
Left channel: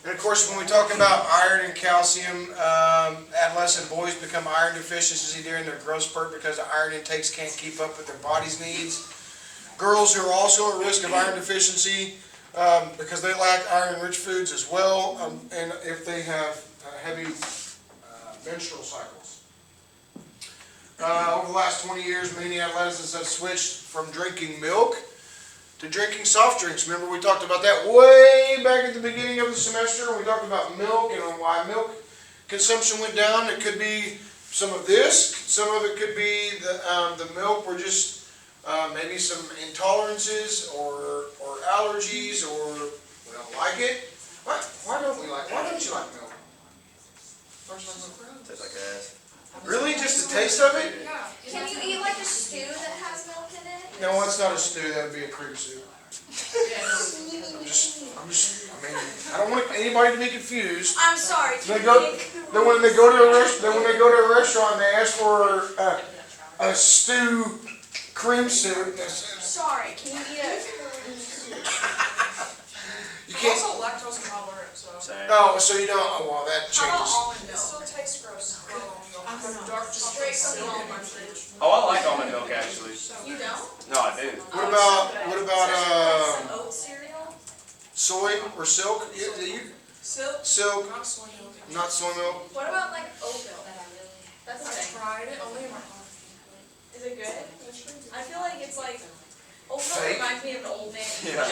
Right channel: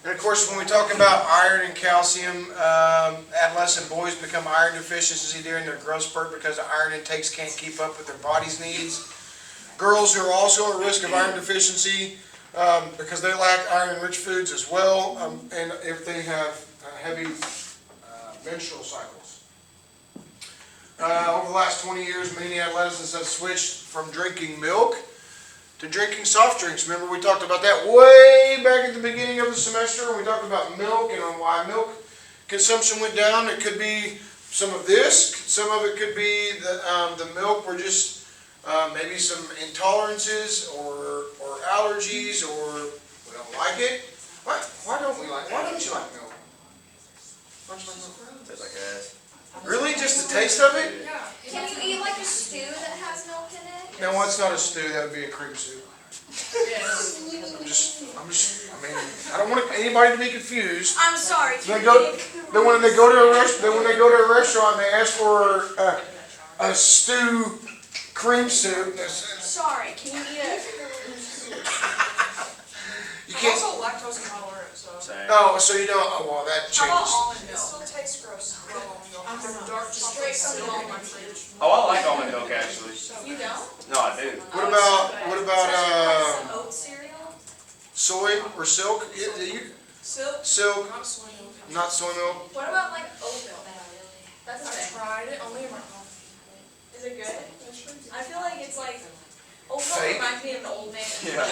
And of course, when we talk about iron and calcium, adolescent boys become iron deficiency during their growth spurt because the iron intakes can't keep up with their body's needs. Girls who are also at risk of iron deficiency because they lack iron-rich foods as well, and if they have heavy menstrual cycles. Over the last 20 years, many adolescents have switched from drinking milk to drinking soft drinks. Remember, we talked about that way back at the beginning of the semester. We talked about milk and on why milk consumption went down. It could be some of this. Some of it could be the milk were just maybe some intolerances or allergies, or we don't like it. Why don't you like milk? Why don't you like milk? Tastes like ass. Really? Just the taste of it? Can you eat like a stew that has milk in it? No, it's not a stew. That would be a cream soup. I mean, I don't want anybody to be confused. I'm sorry. They go, then when they go to a restaurant, they ask for a stew, cream soup. Sorry, can you eat it? You I'm can't. also lactose intolerant, so. Same. Oh, so you don't. Oh, well, that How about changes. almond It milk? still tastes gross. Dark chocolate silk in my fridge. Oh, I like almond milk actually. You don't? No, I do. What about Some oat cereal? soy or silk? Silk, Silk, not soy milk. not soy milk. What about like oat milk? That's I okay. tried it, only in my coffee. Is it good? I feel like it's like, oat milk Fake? reminds me of an old man. Yeah.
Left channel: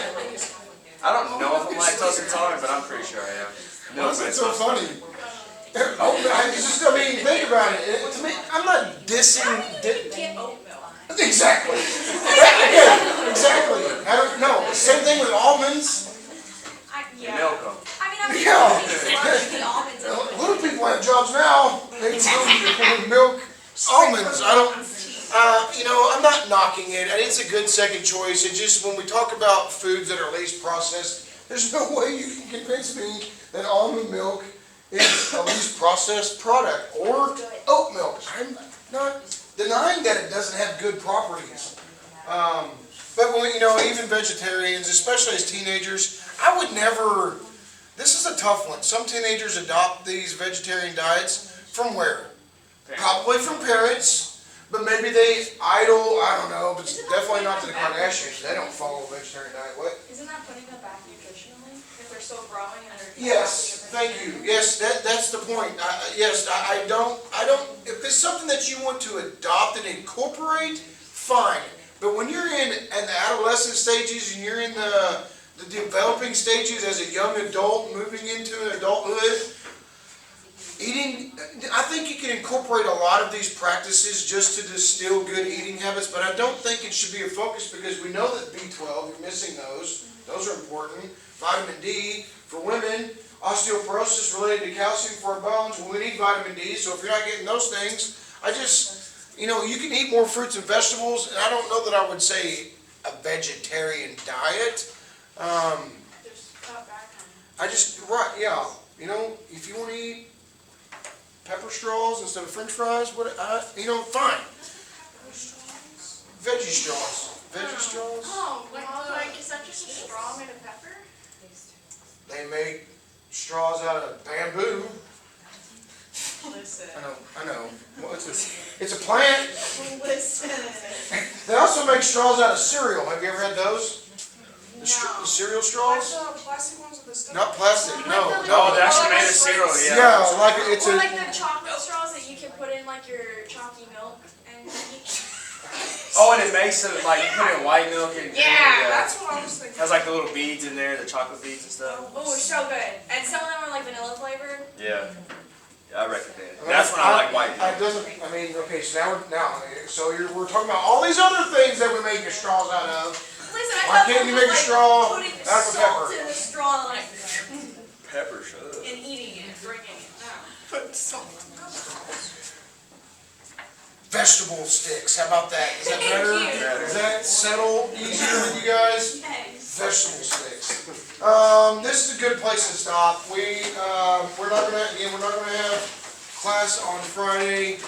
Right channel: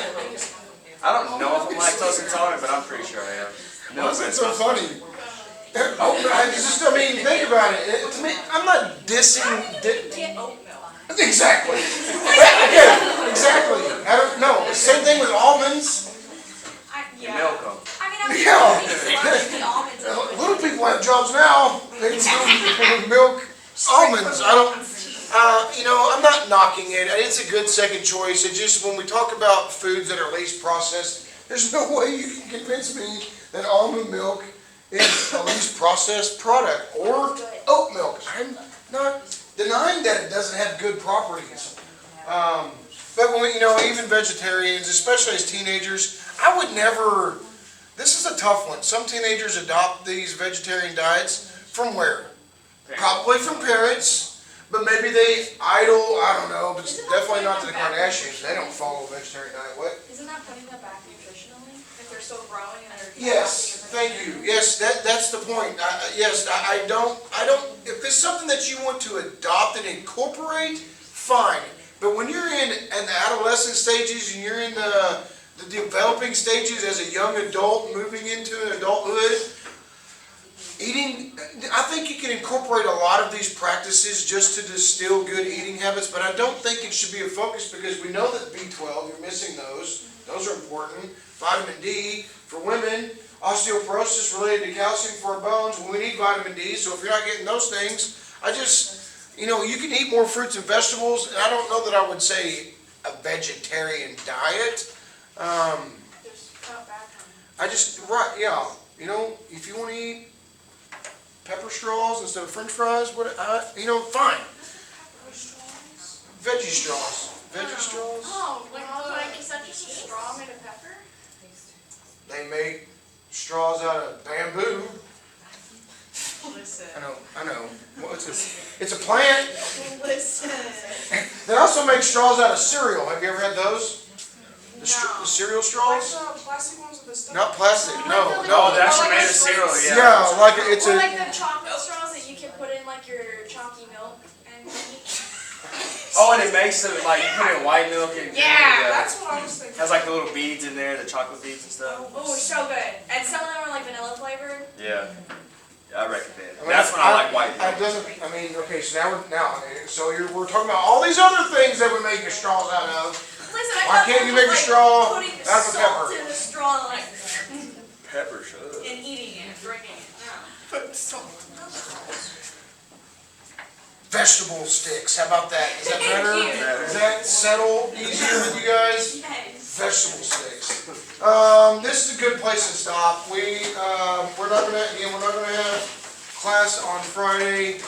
I don't know if I'm lactose intolerant, but I'm pretty sure I am. Why Milk is it is so funny? I mean, think about it. To me, I'm not dissing. Get oat milk. Exactly. Yeah, exactly. I don't know. Same thing with almonds. You milk them. I mean, I'm Yeah. love the almonds. Little people have jobs now. They can do milk almonds. I don't. I'm not knocking it. It's a good second choice. It just when we talk about foods that are least processed, there's no way you can convince me that almond milk is a least processed product or oat milk. I'm not denying that it doesn't have good properties. But when even vegetarians, especially as teenagers, I would never. This is a tough one. Some teenagers adopt these vegetarian diets from where? Probably from parents. But maybe they idle, I don't know, but definitely not to the Kardashians. They don't follow a vegetarian diet. What? Isn't that putting them back nutritionally? If they're still growing and they're Yes, thank you. Yes, that's the point. I don't, if it's something that you want to adopt and incorporate, fine. But when you're in the adolescent stages and you're in the developing stages as a young adult moving into adulthood, eating, I think you can incorporate a lot of these practices just to distill good eating habits, but I don't think it should be a focus because we know that B12, you're missing those. Those are important. Vitamin D for women, osteoporosis related to calcium for our bones. Well, we need vitamin D, so if you're not getting those things, you can eat more fruits and vegetables, and I don't know that I would say a vegetarian diet. If you want to eat pepper straws instead of French fries, fine. Veggie straws. Veggie straws. Oh, like is that just a straw made of pepper? They make straws out of bamboo. Listen. I know. Well, it's a plant. Listen. They also make straws out of cereal. Have you ever had those? The No. cereal Like straws? the plastic ones with the stuff. Not plastic. No. Oh, they No. actually made a cereal, yeah. Yeah, like it's Or a. like the chocolate straws that you can put in like your chalky milk and Oh, and it makes it like you put in white milk and Yeah, that's what I was thinking. has like the little beads in there, the chocolate beads and stuff. oh, it's so good. And some of them are like vanilla flavored. Yeah, I recommend it. That's when I like white milk. Okay, so we're talking about all these other things that we make your straws out of. Listen, I Why thought can't that you was, make a like, straw putting out of salt pepper? in the straw like Pepper, shut up. and eating it, drinking it. No. Put salt. Vegetable sticks. How about that? Is that Thank better? you. Does that settle easier with you guys? Yes. Vegetable sticks. This is a good place to stop. We're not gonna have class on Friday.